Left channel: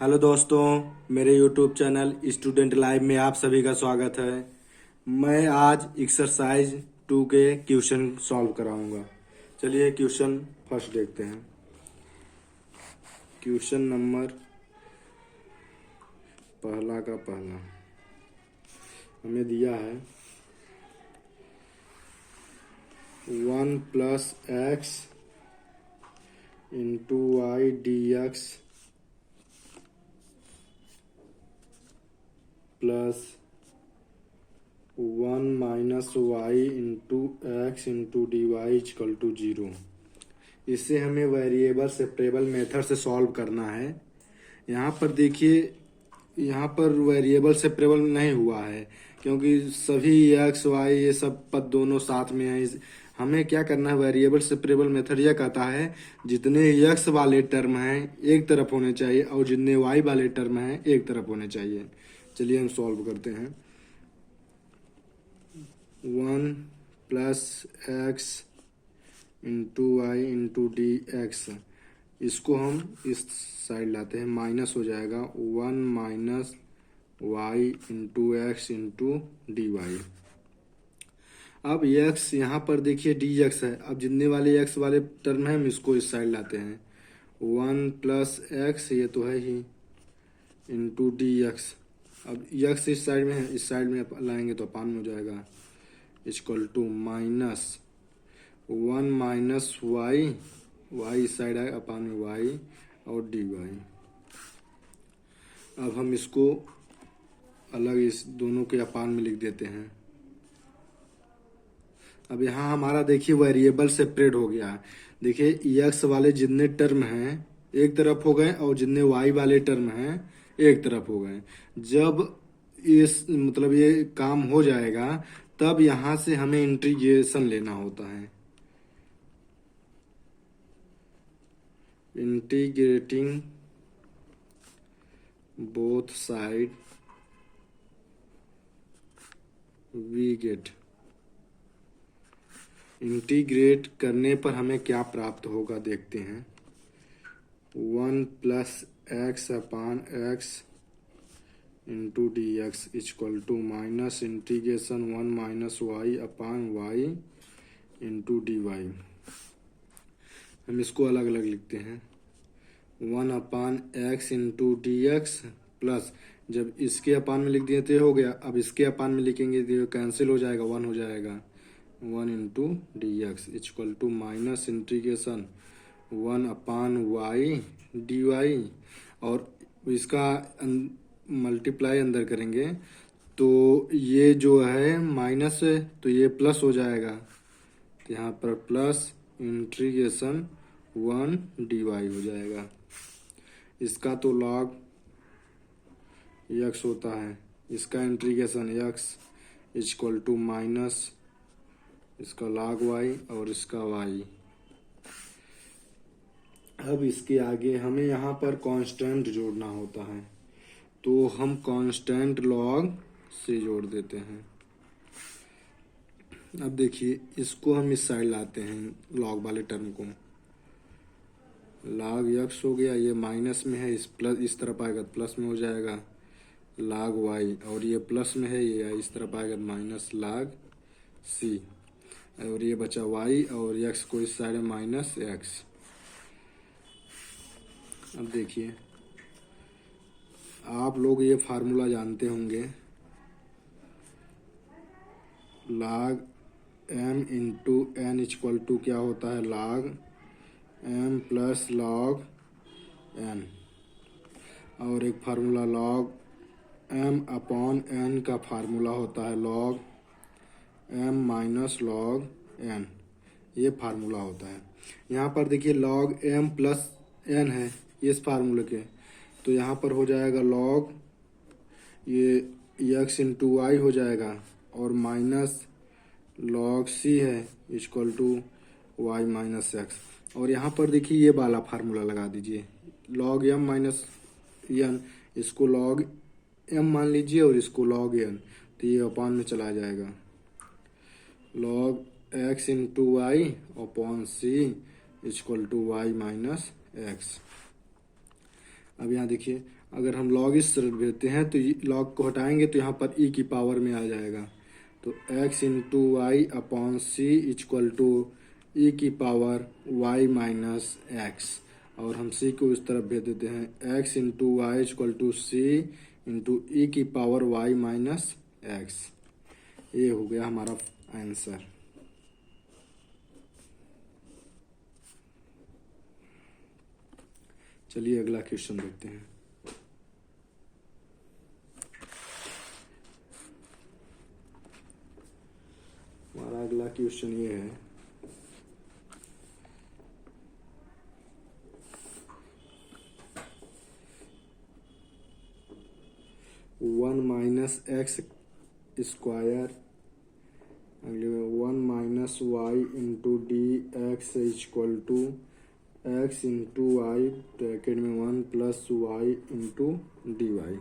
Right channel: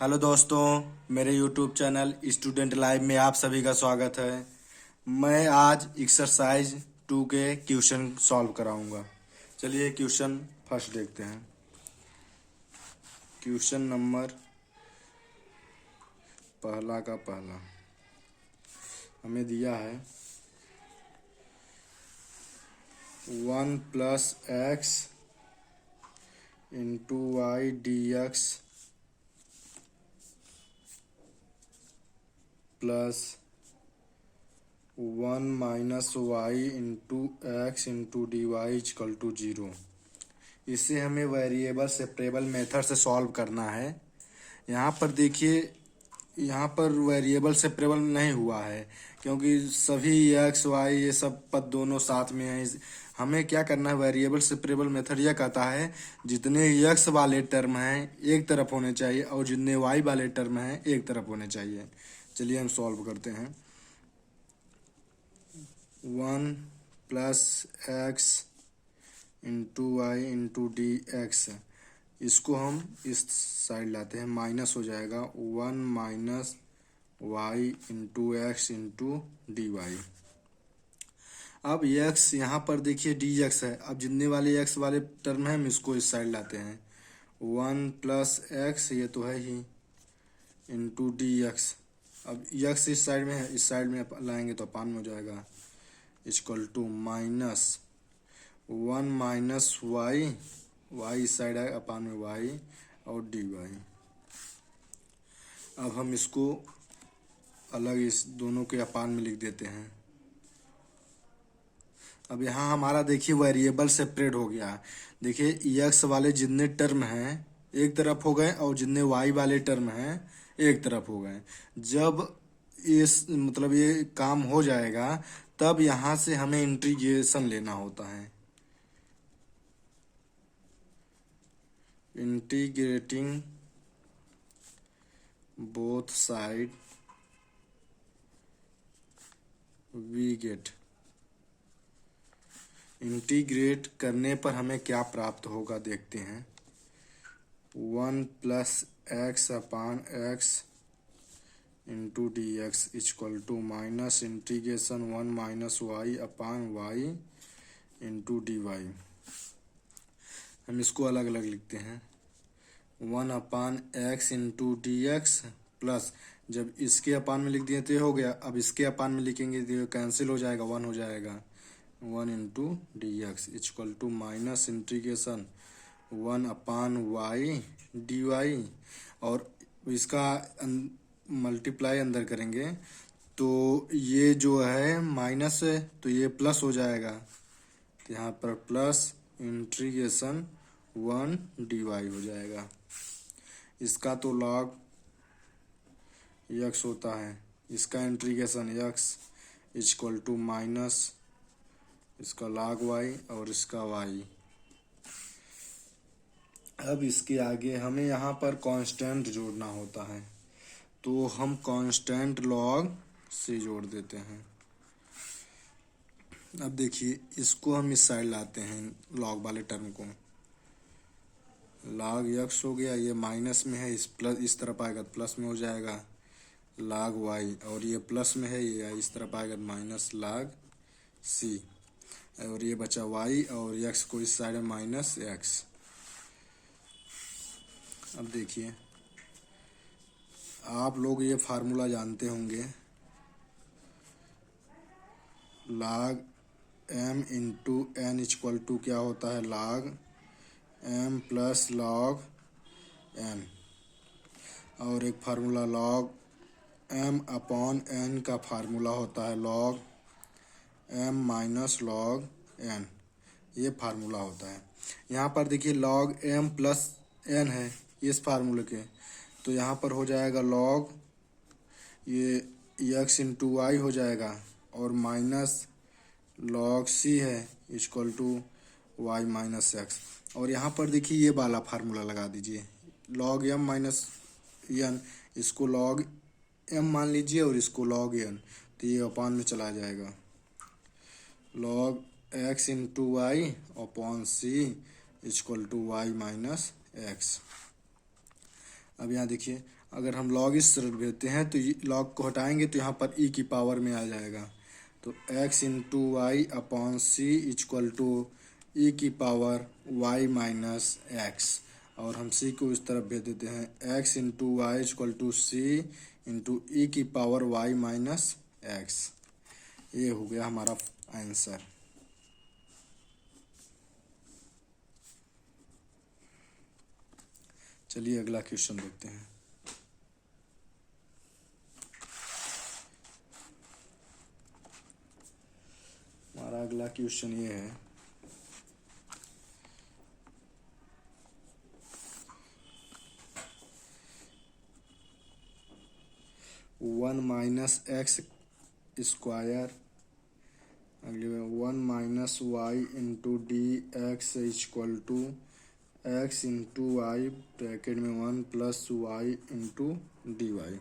Hello दोस्तों, मेरे YouTube channel student live में आप सभी का स्वागत है। मैं आज एक्सरसाइज 2 के क्वेश्चन सॉल्व कराऊंगा। चलिए क्वेश्चन फर्स्ट देखते हैं। क्वेश्चन नंबर पहला का पहला हमें दिया है 1 plus x into y d x plus 1 minus y into x into d y equal to 0। इसे हमें वेरिएबल सेपरेबल मेथड से सॉल्व करना है। यहाँ पर देखिए, यहाँ पर वेरिएबल सेपरेबल नहीं हुआ है क्योंकि सभी एक्स वाई ये सब पद दोनों साथ में है। हमें क्या करना है, वेरिएबल सेपरेबल मेथड यह कहता है जितने एक्स वाले टर्म हैं एक तरफ होने चाहिए और जितने वाई वाले टर्म हैं एक तरफ होने चाहिए। चलिए हम सॉल्व करते हैं। 1 plus x into y into d x, इसको हम इस साइड लाते हैं, माइनस हो जाएगा 1 minus y into x into d y. अब एक्स यहाँ पर देखिए डी एक्स है। अब जितने वाले एक्स वाले टर्म है हम इसको इस साइड लाते हैं। 1 प्लस एक्स ये तो है ही इंटू डी एक्स। अब एक्स इस साइड में है, इस साइड में लाएंगे तो अपान में हो जाएगा equal to minus 1 minus y, y इस साइड है अपान में वाई और डी वाई। अब हम इसको अलग इस दोनों के अपान में लिख देते हैं। अब यहाँ हमारा देखिए वेरिएबल सेपरेट हो गया है। देखिए एक्स वाले जितने टर्म हैं एक तरफ हो गए और जितने वाई वाले टर्म हैं एक तरफ हो गए। जब इस मतलब ये काम हो जाएगा तब यहाँ से हमें इंटीग्रेशन लेना होता है। Integrating both side we get. Integrate करने पर हमें क्या प्राप्त होगा देखते हैं। 1 plus x upon x into d x equal to minus integration 1 minus y upon y into d y. हम इसको अलग अलग लिखते हैं। 1 upon x into d x plus, जब इसके अपान में लिख दिए तो हो गया। अब इसके अपान में लिखेंगे तो कैंसिल हो जाएगा, 1 हो जाएगा। 1 into d x equal to minus integration 1 upon y d y, और इसका मल्टीप्लाई अंदर करेंगे तो ये जो है माइनस है तो ये प्लस हो जाएगा। यहाँ पर प्लस इंटीग्रेशन 1 डी वाई हो जाएगा। इसका तो लॉग यक्स होता है, इसका integration x equal to minus इसका log y और इसका y। अब इसके आगे हमें यहाँ पर कांस्टेंट जोड़ना होता है तो हम कांस्टेंट log से जोड़ देते हैं। अब देखिए इसको हम इस साइड लाते हैं, log वाले टर्म को। log x हो गया, ये माइनस में है, इस प्लस इस तरफ आएगा प्लस में हो जाएगा log y, और ये प्लस में है ये इस तरफ आएगा माइनस log c, और ये बचा y और x को इस साइड माइनस x। अब देखिए आप लोग ये फार्मूला जानते होंगे, log m into n equal to क्या होता है log m plus log n, और एक formula log m upon n का फार्मूला होता है log m minus log n, ये फार्मूला होता है। यहाँ पर देखिए log m प्लस n है इस फार्मूले के, तो यहाँ पर हो जाएगा log ये x इंटू वाई हो जाएगा और माइनस log c है equal to y minus x. और यहाँ पर देखिए ये वाला फार्मूला लगा दीजिए log m माइनस n, इसको log m मान लीजिए और इसको log n, तो ये अपान में चला जाएगा log x into y upon c equal to y minus x. अब यहाँ देखिए, अगर हम लॉग इस तरफ भेजते हैं तो लॉग को हटाएंगे तो यहाँ पर ई की पावर में आ जाएगा। तो x into y upon c equal to e की पावर y माइनस एक्स, और हम c को इस तरफ भेज देते हैं x into y equal to c into e की पावर y माइनस एक्स। ये हो गया हमारा आंसर। चलिए अगला क्वेश्चन देखते हैं। हमारा अगला क्वेश्चन ये है, वन माइनस एक्स स्क्वायर, अगले में one minus y into d x equal to x into y bracket में one plus y into d y.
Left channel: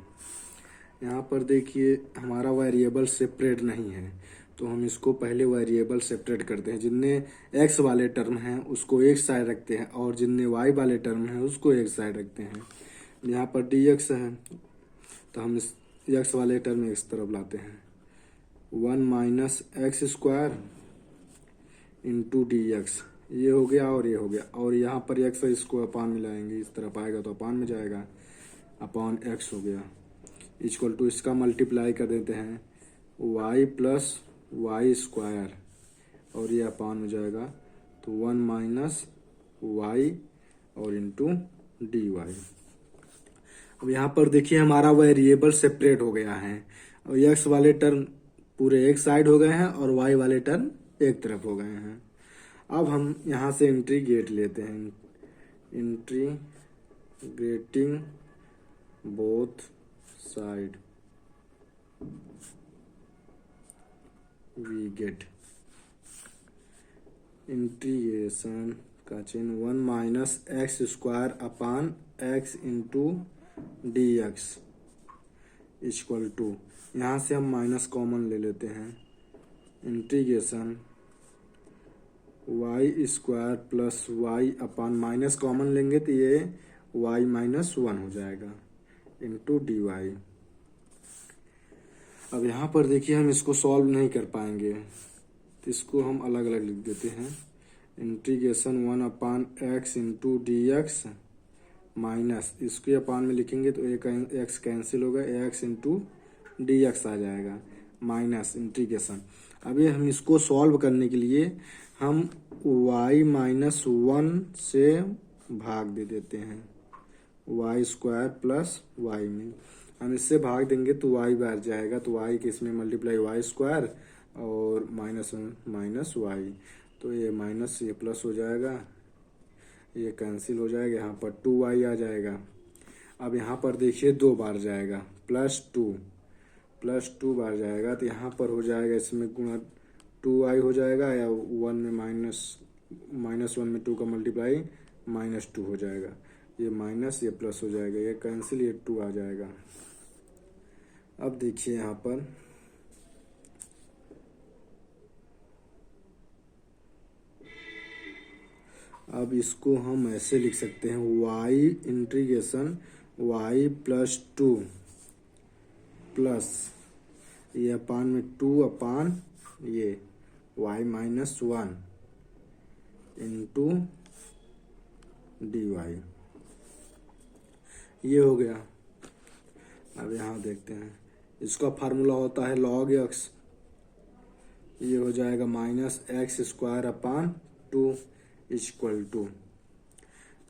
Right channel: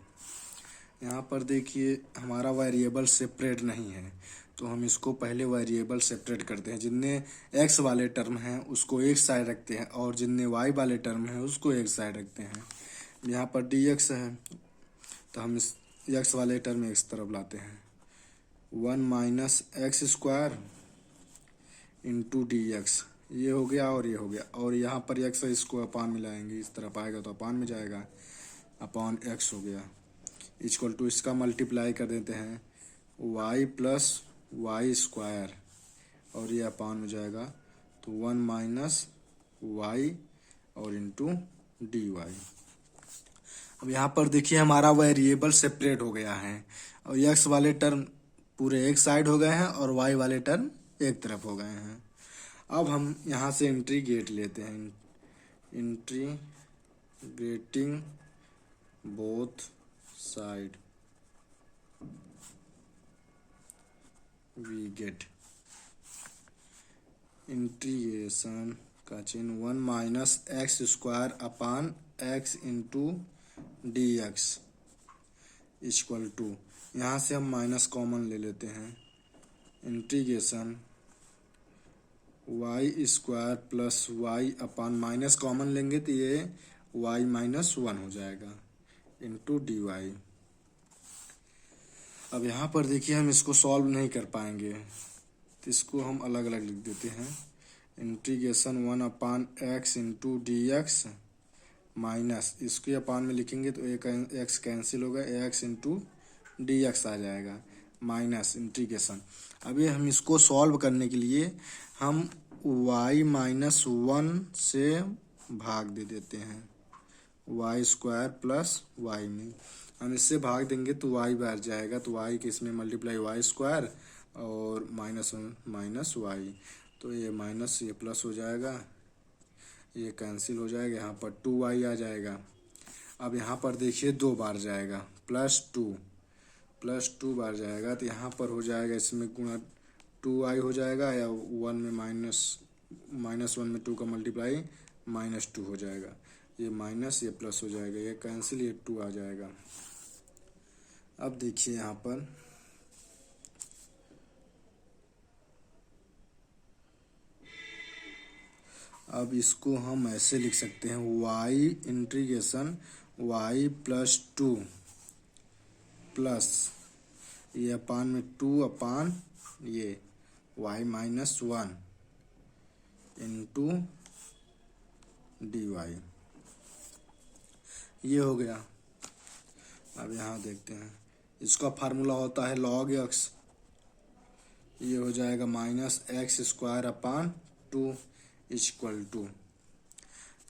यहाँ पर देखिए हमारा वेरिएबल सेपरेट नहीं है, तो हम इसको पहले वेरिएबल सेपरेट करते हैं। जितने एक्स वाले टर्म हैं उसको एक साइड रखते हैं और जितने वाई वाले टर्म हैं उसको एक साइड रखते हैं। यहाँ पर डी एक्स है तो हम इस एक्स वाले टर्म इस तरफ लाते हैं, one minus x square into d x, ये हो गया और ये हो गया, और यहाँ पर एक्स है इसको अपान में लाएंगे, इस तरफ आएगा तो अपान में जाएगा, अपॉन एक्स हो गया इक्वल टू इसका मल्टीप्लाई कर देते हैं वाई प्लस वाई स्क्वायर, और ये अपान हो जाएगा तो वन माइनस वाई और इंटू डी वाई। अब यहाँ पर देखिए हमारा वेरिएबल सेपरेट हो गया है और एक्स वाले टर्म पूरे एक साइड हो गए हैं और वाई वाले टर्म एक तरफ हो गए हैं। अब हम यहाँ से इंटीग्रेट लेते हैं, integrating both side we get integration का चिन्ह one minus x square upon x into d x equal to, यहाँ से हम माइनस कॉमन ले लेते हैं, integration y square plus y upon minus common लेंगे तो ये वाई माइनस वन हो जाएगा इंटू डी वाई। अब यहाँ पर देखिए हम इसको सॉल्व नहीं कर पाएंगे तो इसको हम अलग अलग लिख देते हैं, integration one upon x into d x minus इसके अपान में लिखेंगे तो एक एक्स कैंसिल हो गया, एक्स इंटू डी एक्स आ जाएगा माइनस इंटीग्रेशन। अभी हम इसको सॉल्व करने के लिए हम y माइनस वन से भाग दे देते हैं, वाई स्क्वायर प्लस वाई में हम इससे भाग देंगे तो y बैठ जाएगा, तो y के इसमें मल्टीप्लाई वाई स्क्वायर और माइनस वन माइनस वाई, तो ये माइनस ये प्लस हो जाएगा, ये कैंसिल हो जाएगा, यहाँ पर 2y आ जाएगा। अब यहाँ पर देखिए दो बार जाएगा, प्लस टू बार जाएगा तो यहाँ पर हो जाएगा इसमें गुणा 2y हो जाएगा, या वन में माइनस वन में 2 का मल्टीप्लाई -2 हो जाएगा, ये माइनस ये प्लस हो जाएगा, ये कैंसिल, ये 2 आ जाएगा। अब देखिए यहाँ पर अब इसको हम ऐसे लिख सकते हैं, y integration y plus 2 plus ये अपान में 2 अपान ये y minus one into d y, ये हो गया। अब यहाँ देखते हैं इसका फार्मूला होता है log x, ये हो जाएगा minus x square upon 2 equal to,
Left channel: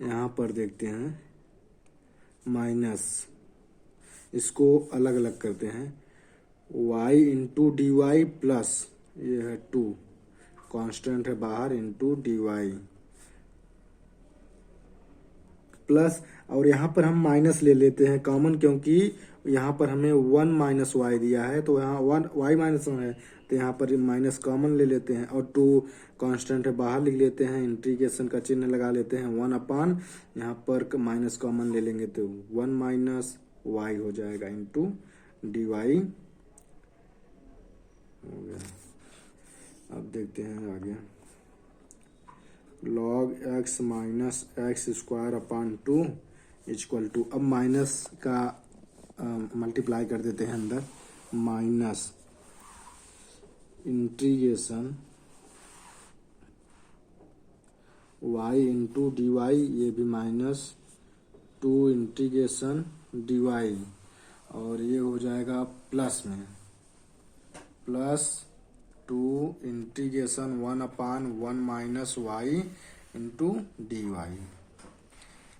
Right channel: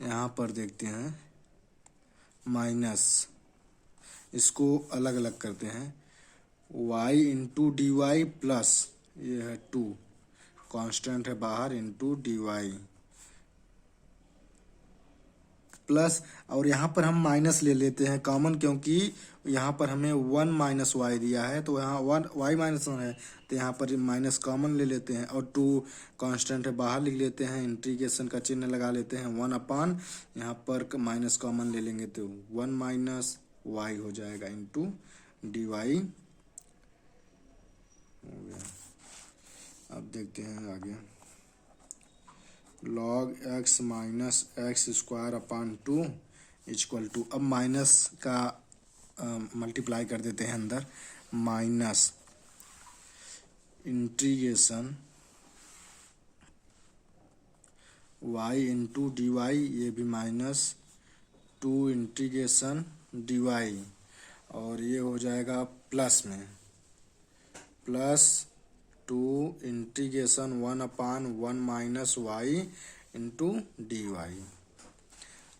यहाँ पर देखते हैं माइनस, इसको अलग अलग करते हैं, y into d y plus ये है 2 कांस्टेंट है बाहर इंटू डी वाई प्लस, और यहाँ पर हम माइनस ले लेते हैं कॉमन, क्योंकि यहाँ पर हमें 1 माइनस वाई दिया है तो यहाँ 1 वाई माइनस वन है तो यहाँ पर माइनस कॉमन ले लेते हैं और 2 कांस्टेंट है बाहर लिख लेते हैं, इंटीग्रेशन का चिन्ह लगा लेते हैं, 1 अपान यहाँ पर माइनस कॉमन ले लेंगे तो 1 माइनस वाई हो जाएगा इंटू डी वाई। अब देखते हैं आगे, log x minus x square upon 2 equal to, अब माइनस का मल्टीप्लाई कर देते हैं अंदर, minus integration y into d y, ये भी माइनस 2 इंटीग्रेशन डी वाई, और ये हो जाएगा प्लस में plus 2 integration 1/1 minus y into d y.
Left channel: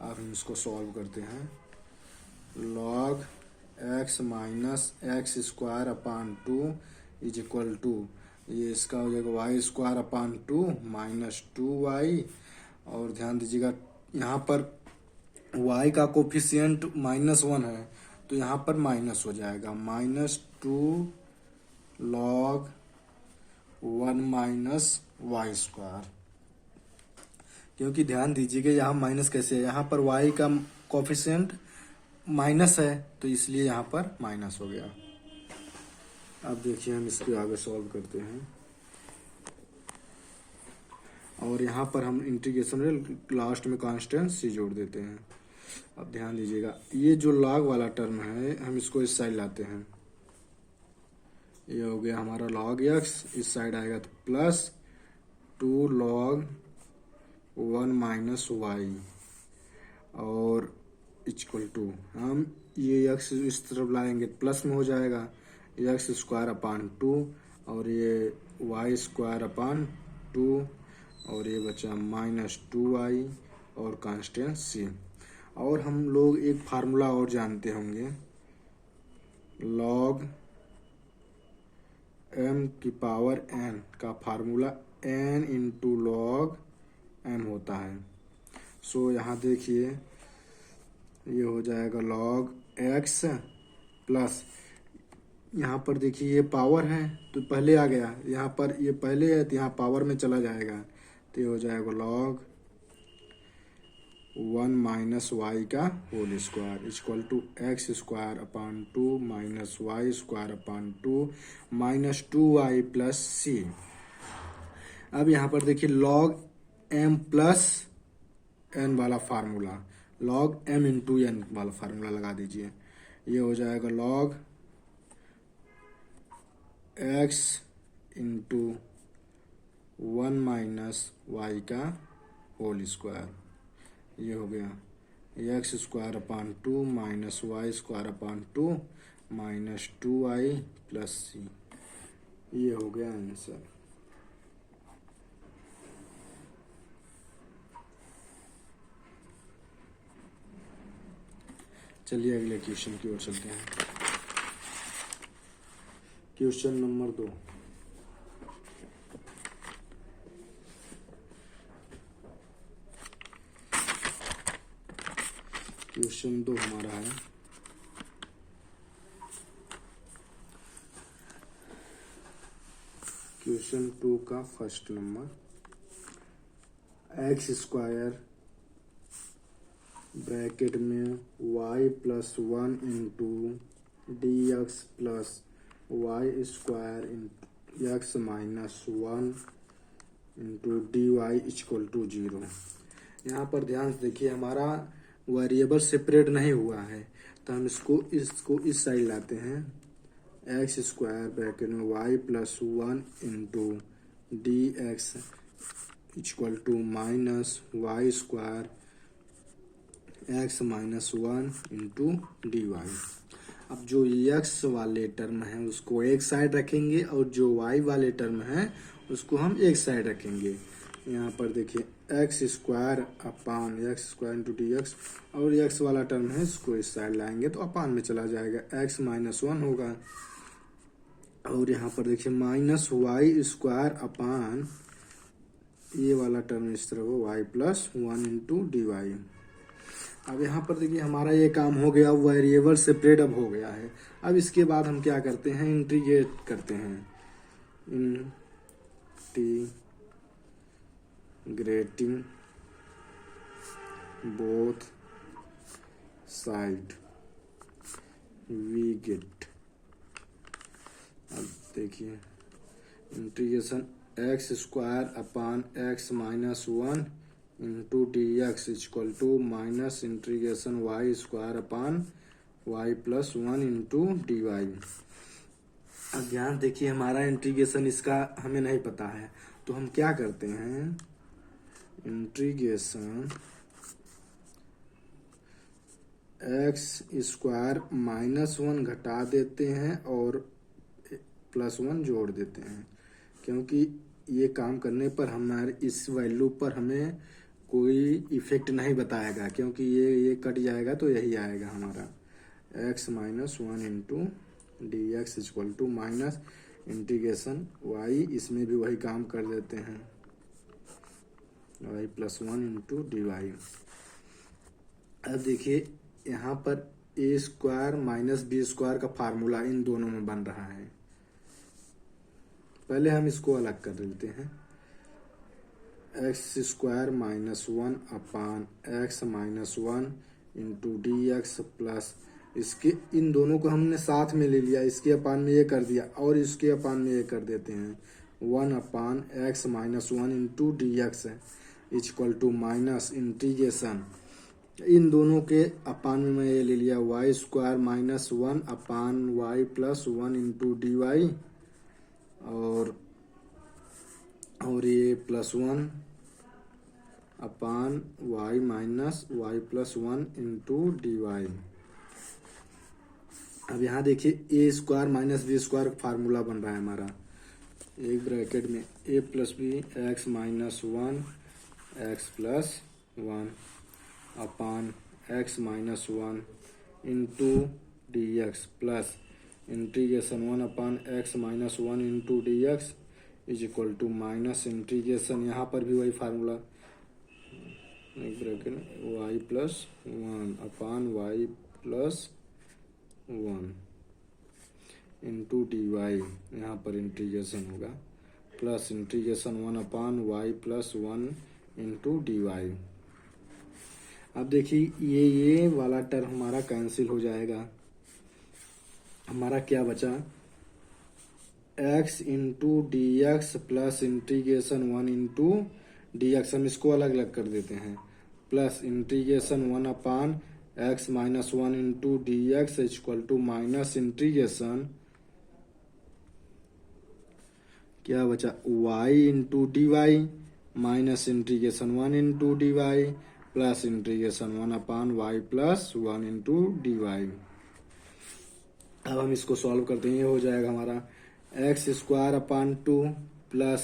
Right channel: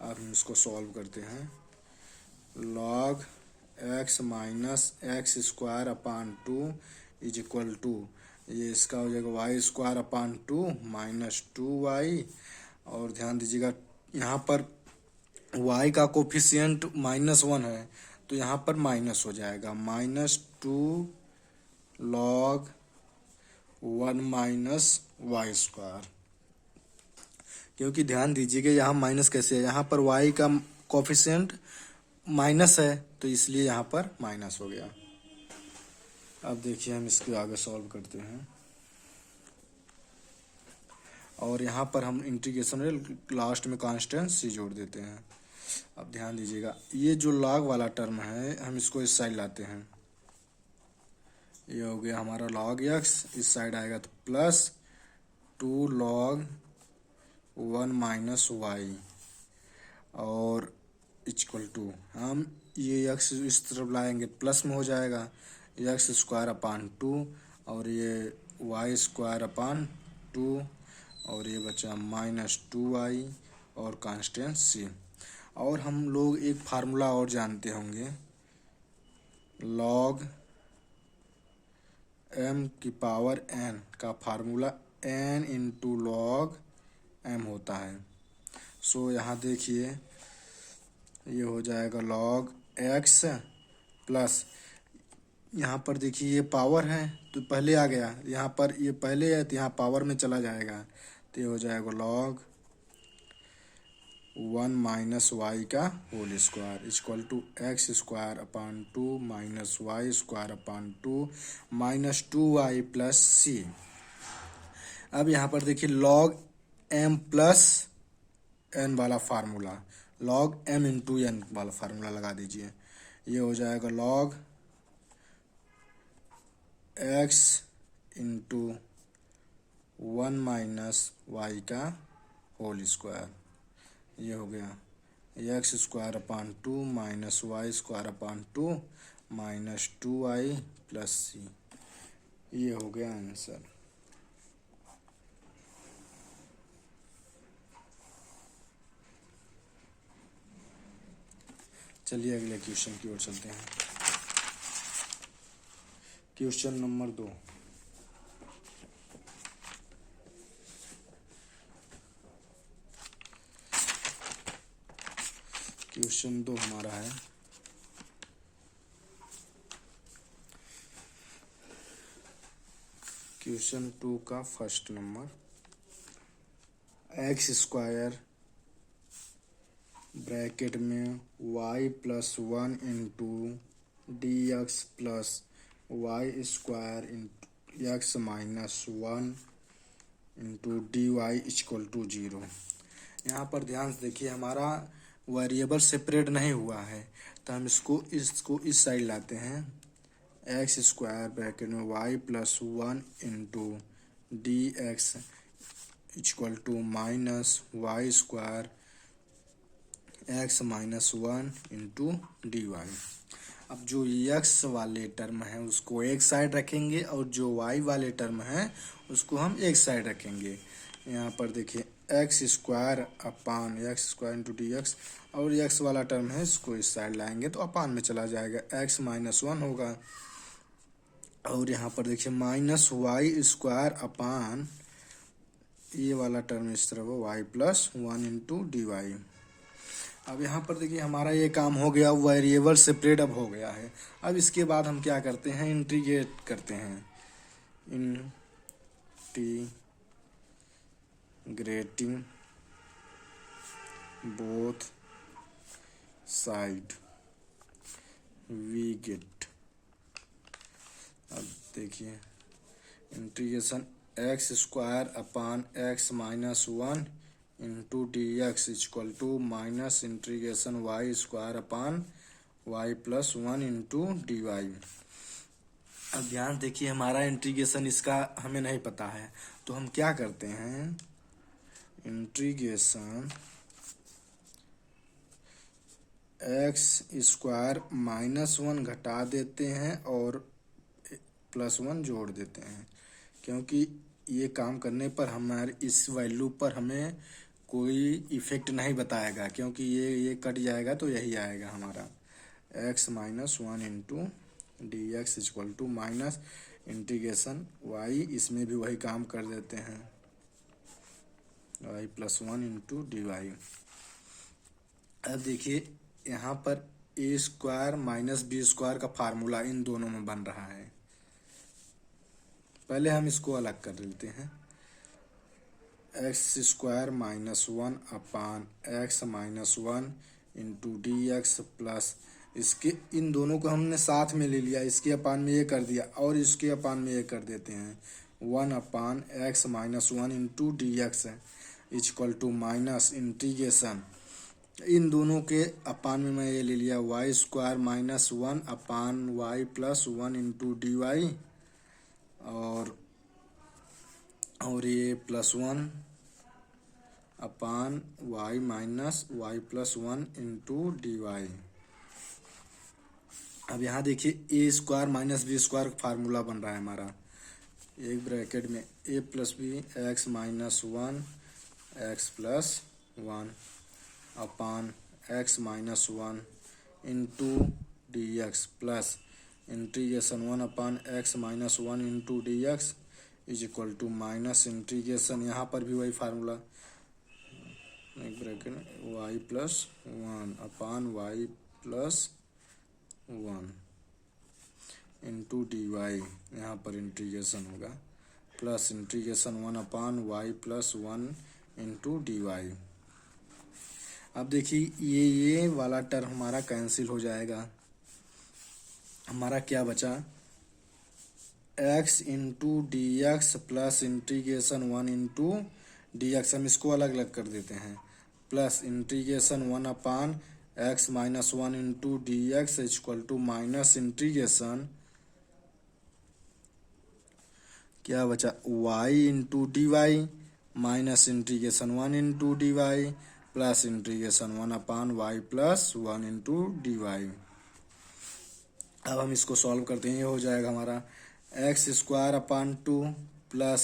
अब हम इसको सॉल्व करते हैं। Log x minus x square upon 2 is equal to, ये इसका हो जाएगा Y square upon 2 minus 2y, और ध्यान दीजिएगा यहाँ पर y का कोफिशियंट -1 है, तो यहाँ पर माइनस हो जाएगा, -2 लॉग 1 माइनस वाई स्क्वायर। क्योंकि ध्यान दीजिएगा यहाँ माइनस कैसे है, यहाँ पर y का कोफिशियंट माइनस है, तो इसलिए यहाँ पर माइनस हो गया। अब देखिए हम इसको आगे सॉल्व करते हैं, और यहाँ पर हम इंटीग्रेशन में लास्ट में कांस्टेंट c जोड़ देते हैं। अब ध्यान दीजिएगा ये जो लॉग वाला टर्म है, हम इसको इस साइड लाते हैं, ये हो गया हमारा log x, इस साइड आएगा तो प्लस 2 log 1 माइनस वाई, और इक्वल टू, हम ये x इस तरफ लाएंगे प्लस में हो जाएगा x स्क्वायर अपान 2, और ये y स्क्वायर अपान 2, और ये बचा -2y और कांस्टेंट c। और हम लोग एक फार्मूला और जानते होंगे, log m की पावर n का formula n into log m होता है। सो यहाँ देखिए ये हो जाएगा log x प्लस, यहाँ पर देखिए ये पावर है तो पहले आ गया, यहाँ पर ये पहले है तो यहाँ पावर में चला जाएगा, तो ये हो जाएगा log 1 माइनस वाई का whole square equal to x square upon 2 minus y square upon 2 minus 2y plus c. अब यहाँ पर देखिए log m प्लस n वाला formula, log m into n वाला फार्मूला लगा दीजिए, ये हो जाएगा log x into 1 minus y का होल स्क्वायर, ये हो गया x square upon 2 minus y square upon 2 minus 2y plus सी। ये हो गया आंसर। चलिए अगले क्वेश्चन की ओर चलते हैं। Question number 2। क्वेश्चन 2 हमारा है क्वेश्चन 2 का first number, x square bracket में y plus 1 into d x plus y square into x minus 1 into d y equal to 0। यहाँ पर ध्यान से देखिए हमारा वेरिएबल सेपरेट नहीं हुआ है, तो हम इसको इस साइड लाते हैं, एक्स स्क्वायर ब्रैकेट में y plus 1 into d x equal to minus y square x minus 1 into d y. अब जो एक्स वाले टर्म है उसको एक साइड रखेंगे और जो वाई वाले टर्म है उसको हम एक साइड रखेंगे। यहाँ पर देखिए x square upon x square into d x, और एक्स वाला टर्म है इसको इस साइड लाएंगे तो अपान में चला जाएगा, एक्स माइनस 1 होगा, और यहाँ पर देखिए माइनस वाई स्क्वायर अपान ये वाला टर्म इस तरह वो y plus 1 into d y. अब यहाँ पर देखिए हमारा ये काम हो गया, वेरिएबल सेपरेट अब हो गया है। अब इसके बाद हम क्या करते हैं, इंटीग्रेट करते हैं, integrating both side we get. अब देखिए integration x square upon x minus 1 into d x equal to minus integration y square upon y plus 1 into d y. अब ध्यान देखिए, हमारा इंटीग्रेशन इसका हमें नहीं पता है, तो हम क्या करते हैं, इंटीग्रेशन एक्स स्क्वायर -1 घटा देते हैं और +1 जोड़ देते हैं, क्योंकि ये काम करने पर हमारे इस वैल्यू पर हमें कोई इफेक्ट नहीं बताएगा, क्योंकि ये कट जाएगा तो यही आएगा हमारा x-1 into d x equal to minus integration y, इसमें भी वही काम कर देते हैं y plus 1 into d y. अब देखिए यहाँ पर a square minus b square का फार्मूला इन दोनों में बन रहा है। पहले हम इसको अलग कर लेते हैं, x square -1 upon x -1 into d x plus, इसके इन दोनों को हमने साथ में ले लिया, इसके अपान में ये कर दिया और इसके अपान में ये कर देते हैं 1 upon x -1 into d x equal to minus integration, इन दोनों के अपान में मैं ये ले लिया y square -1 upon y plus 1 into d y, और ये +1 upon y minus y plus 1 into d y. अब यहाँ देखिए a square minus b square formula बन रहा है हमारा, एक ब्रैकेट में a plus b x -1 x plus 1 upon x -1 into d x plus integration 1 upon x -1 into d x is equal to minus integration, यहाँ पर भी वही फार्मूला, एक bracket y plus 1 upon y plus 1 into d y, यहाँ पर इंटीग्रेशन होगा plus integration 1 upon y plus 1 into d y. अब देखिए ये वाला टर्म हमारा कैंसिल हो जाएगा, हमारा क्या बचा, x into d x plus integration 1 into d x, हम इसको अलग अलग कर देते हैं, plus integration 1 upon x -1 into d x equal to minus integration क्या बचा y into d y minus integration 1 into d y plus integration 1 upon y plus 1 into d y. अब हम इसको सॉल्व करते हैं, ये हो जाएगा हमारा x square upon 2 plus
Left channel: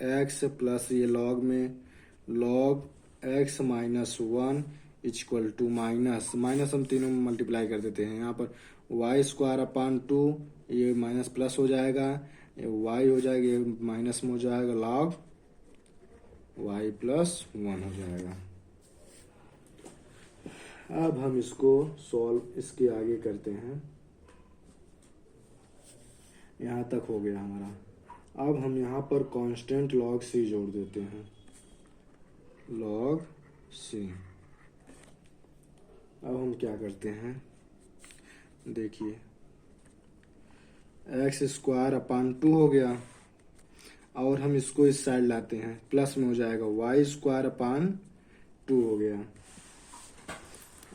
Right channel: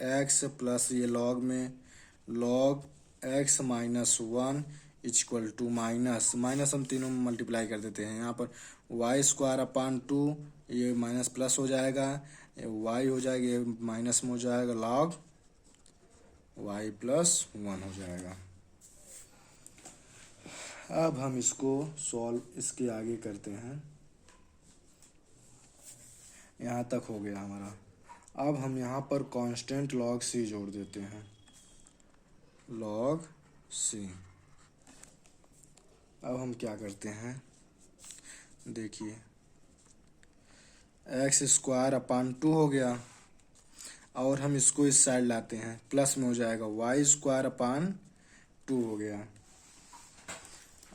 x plus ये लॉग में log x -1 equal to minus हम तीनों में मल्टीप्लाई कर देते हैं, यहाँ पर वाई स्क्वायर अपान 2, ये माइनस प्लस हो जाएगा, ये वाई हो जाएगा, ये माइनस में हो जाएगा, लॉग वाई प्लस 1 हो जाएगा। अब हम इसको सॉल्व इसके आगे करते हैं, यहाँ तक हो गया हमारा। अब हम यहाँ पर कांस्टेंट log c जोड़ देते हैं, log c। अब हम क्या करते हैं, देखिए एक्स स्क्वायर अपान 2 हो गया और हम इसको इस साइड लाते हैं, प्लस में हो जाएगा वाई स्क्वायर अपान 2 हो गया।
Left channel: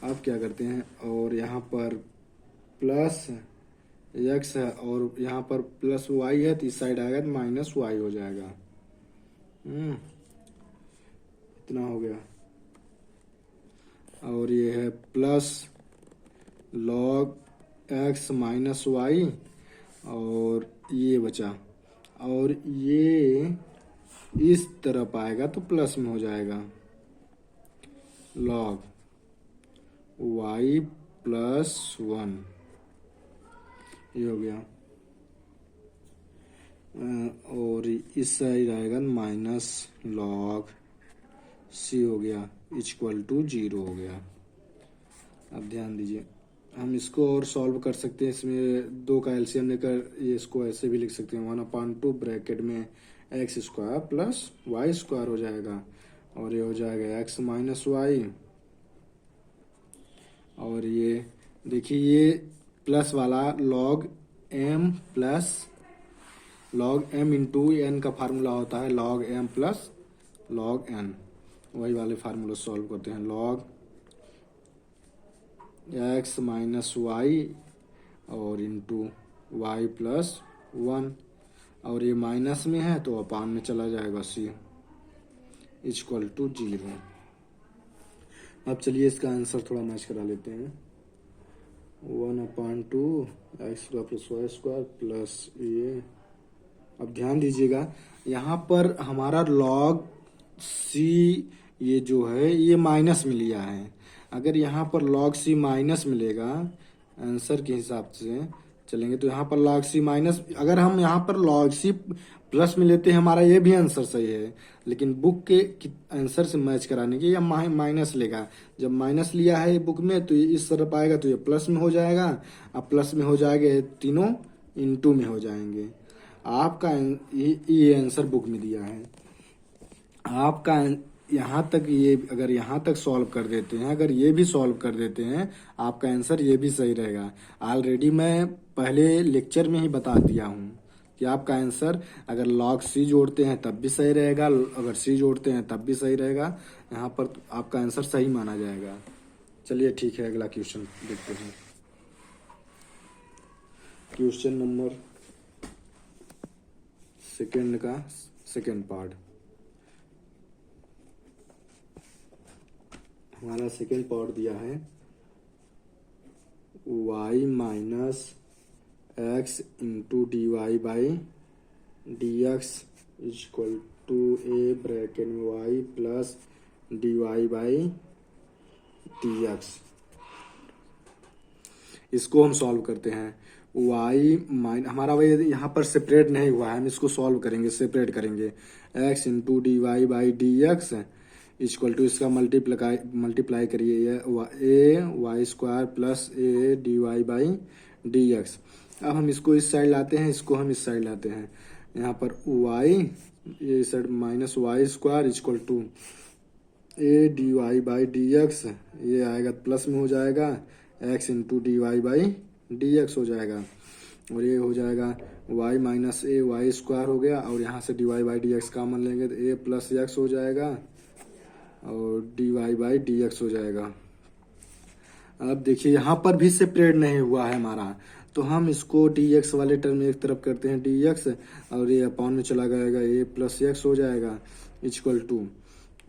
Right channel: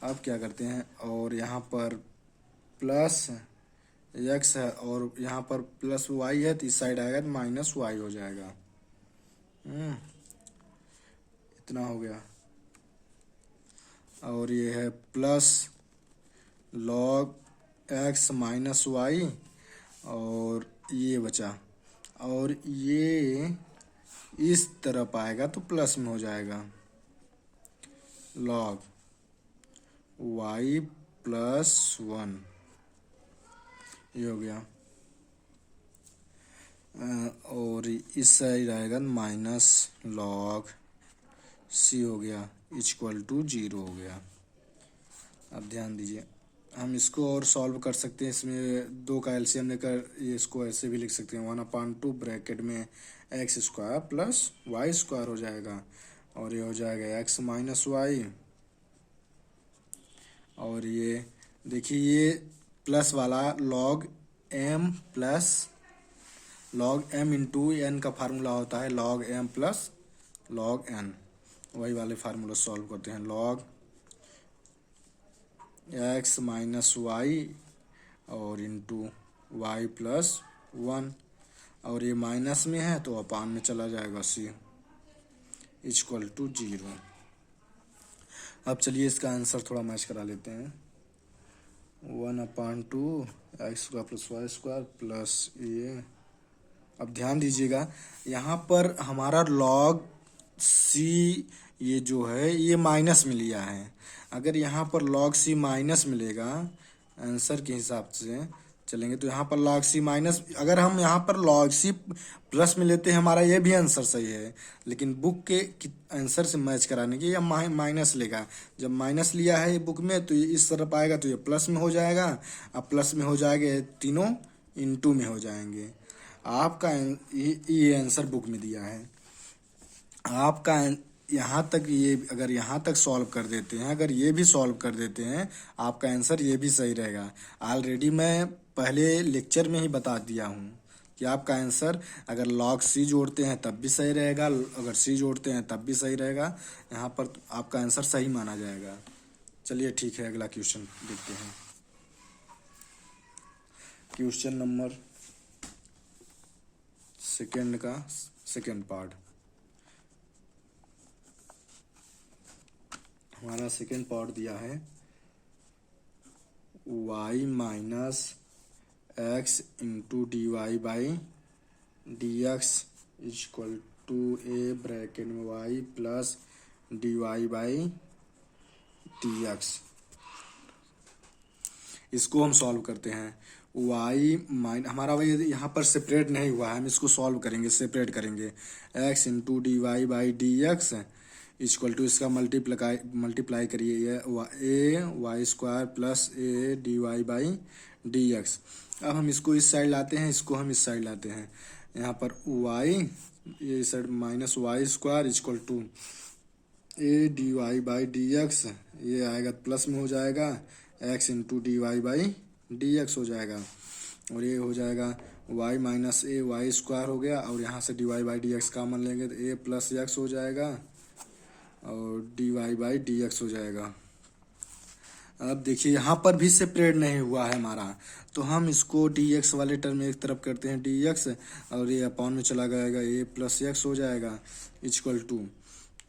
अब क्या करते हैं, और यहाँ पर प्लस एक्स है और यहाँ पर प्लस वाई है, तो इस साइड आएगा तो माइनस वाई हो जाएगा, इतना हो गया। और ये है plus log x minus y, और ये बचा, और ये इस तरफ आएगा तो प्लस में हो जाएगा, लॉग वाई प्लस 1, ये हो गया। और इस साइड आएगा माइनस लॉग सी हो गया इक्वल टू 0 हो गया। अब ध्यान दीजिए, हम इसको और सॉल्व कर सकते हैं, इसमें 2 का एलसीएम लेकर ये इसको ऐसे भी लिख सकते हैं, 1/2 ब्रैकेट में x square plus y square हो जाएगा, और ये हो जाएगा एक्स माइनस वाई, और ये देखिए ये प्लस वाला log m plus log m into n का फार्मूला होता है log m plus log n, वही वाले फार्मूला सॉल्व करते हैं। लॉग x माइनस वाई और इंटू वाई प्लस 1, और ये माइनस में है तो अपान में चला जाएगा c इक्वल टू 0। अब चलिए इसका आंसर थोड़ा मैच करा लेते हैं। 1/2 x square plus y square plus a. अब ध्यान दीजिएगा यहाँ पर हमारा लॉग सी ये जो है ये माइनस में लिया है। अगर यहाँ पर लॉग सी माइनस मिलेगा आंसर के हिसाब से चलेंगे तो यहाँ पर लॉग सी माइनस, अगर हम यहाँ पर लॉग सी प्लस में लेते हैं हमारा ये भी आंसर सही है, लेकिन बुक के आंसर से मैच कराने के ये माइनस लेगा। जब माइनस लिया है ये बुक में तो ये इस तरफ आएगा तो ये प्लस में हो जाएगा। अब प्लस में हो जाएगा ये तीनों इनटू में हो जाएंगे। आपका ये आंसर बुक में दिया है। आपका यहाँ तक ये अगर यहाँ तक सॉल्व कर देते हैं, अगर ये भी सॉल्व कर देते हैं आपका आंसर ये भी सही रहेगा। ऑलरेडी मैं पहले लेक्चर में ही बता दिया हूँ कि आपका आंसर अगर लॉग सी जोड़ते हैं तब भी सही रहेगा, अगर सी जोड़ते हैं तब भी सही रहेगा। यहाँ पर आपका आंसर सही माना जाएगा। चलिए ठीक है, अगला क्वेश्चन देखते हैं। क्वेश्चन नंबर सेकेंड का सेकेंड पार्ट। हमारा सेकेंड पार्ट दिया है y minus x into d y by d x equal to a bracket में y plus d y by d x. इसको हम सॉल्व करते हैं। हमारा वही यहाँ पर सेपरेट नहीं हुआ है, हम इसको सॉल्व करेंगे, सेपरेट करेंगे। x into d y by d x equal to इसका मल्टीप्लाई करिए a y square plus a d y by d x. अब हम इसको इस साइड लाते हैं, इसको हम इस साइड लाते हैं। यहाँ पर y ये side minus y square equal to a d y by d x, ये आएगा प्लस में हो जाएगा x into d y by d x हो जाएगा, और ये हो जाएगा y minus a y square हो गया, और यहाँ से d y by d x common लेंगे तो a प्लस एक्स हो जाएगा और d y by d x हो जाएगा। अब देखिए यहाँ पर भी सेपरेट नहीं हुआ है हमारा, तो हम इसको डी एक्स वाले टर्म में एक तरफ करते हैं डी एक्स, और ये अपॉन में चला जाएगा ए प्लस एक्स हो जाएगा इक्वल टू,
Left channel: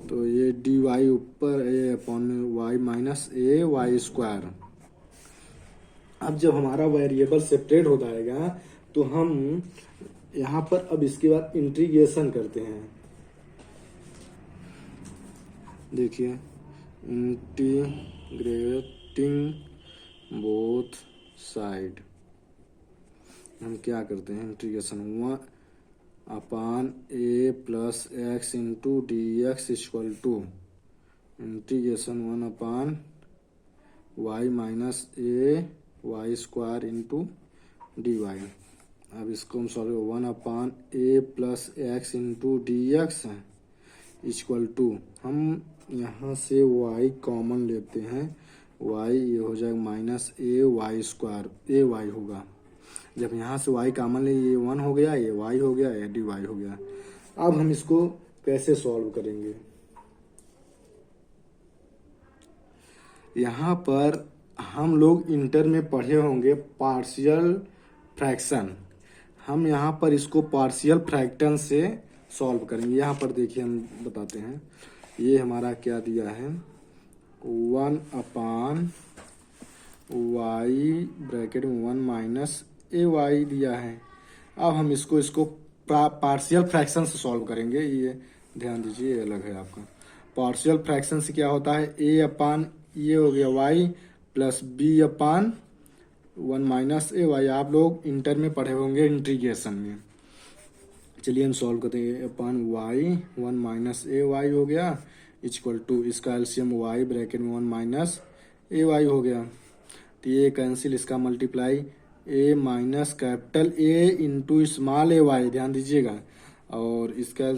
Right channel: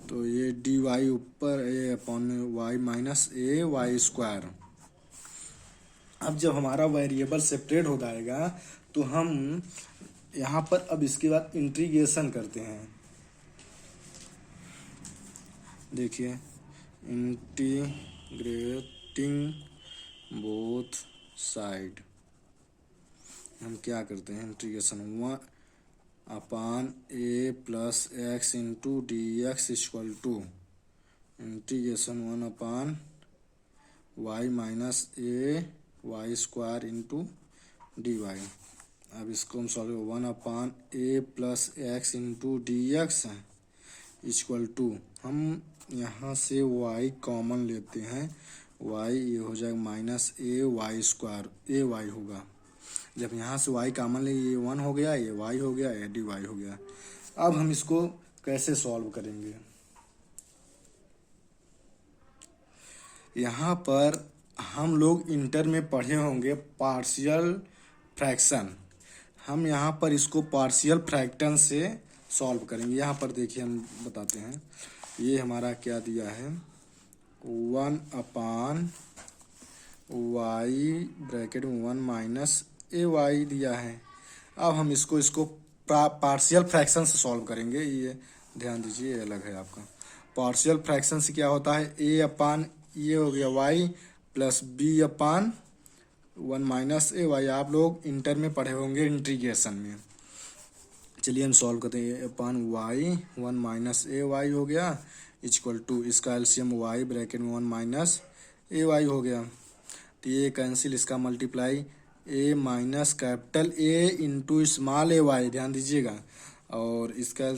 तो ये डी वाई ऊपर ए अपॉन में Y minus a y square. अब जब हमारा वेरिएबल सेपरेट हो जाएगा तो हम यहाँ पर अब इसके बाद इंटीग्रेशन करते हैं। देखिए इंटीग्रेटिंग बोथ साइड हम क्या करते हैं, integration 1 a plus x into d x equal to integration 1 y minus a y square into d y. अब इसको हम solve 1 a plus x into d x equal to, हम यहाँ से y कॉमन लेते हैं, y ये हो जाएगा minus a y square, A Y होगा। जब यहाँ से y कॉमन ले ये 1 हो गया, ये y हो गया, ये डी वाई हो गया। अब हम इसको कैसे सॉल्व करेंगे, यहाँ पर हम लोग इंटर में पढ़े होंगे पार्शियल फ्रैक्शन। हम यहाँ पर इसको पार्शियल फ्रैक्शन से सॉल्व करेंगे। यहाँ पर देखिए हम बताते हैं, ये हमारा क्या दिया है 1 वाई ब्रैकेट में 1 माइनस ए वाई दिया है। अब हम इसको पार्शियल फ्रैक्शन से सॉल्व करेंगे। ये ध्यान दीजिए, ये अलग है आपका। पार्शियल फ्रैक्शन से क्या होता है, ए अपान ये हो गया Y plus B upon 1 minus a Y. आप लोग इंटर में पढ़े होंगे इंटीग्रेशन में। चलिए हम सॉल्व करते हैं। Upon y 1 minus a Y हो गया इक्वल टू इसका एलसीएम वाई ब्रैकेट में 1 माइनस ए वाई हो गया, तो ये कैंसिल, इसका multiply a minus capital a into small a y, ध्यान दीजिएगा, और इसका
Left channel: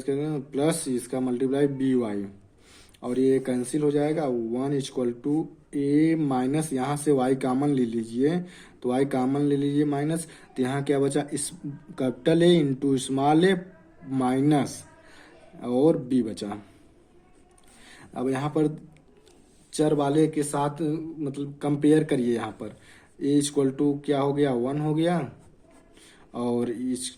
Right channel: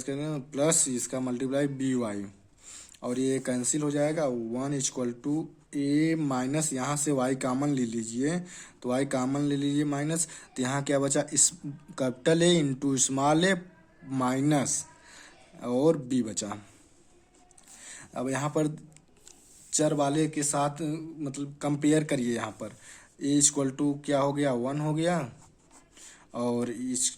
प्लस इसका मल्टीप्लाई बी वाई, और ये कैंसिल हो जाएगा 1 इक्वल टू ए माइनस, यहाँ से y कॉमन ले लीजिए, तो y कॉमन ले लीजिए माइनस, तो यहाँ क्या बचा, इस capital a into small a minus और b बचा। अब यहाँ पर चर वाले के साथ मतलब कंपेयर करिए। यहाँ पर ए इक्वल टू क्या हो गया, 1 हो गया, और इस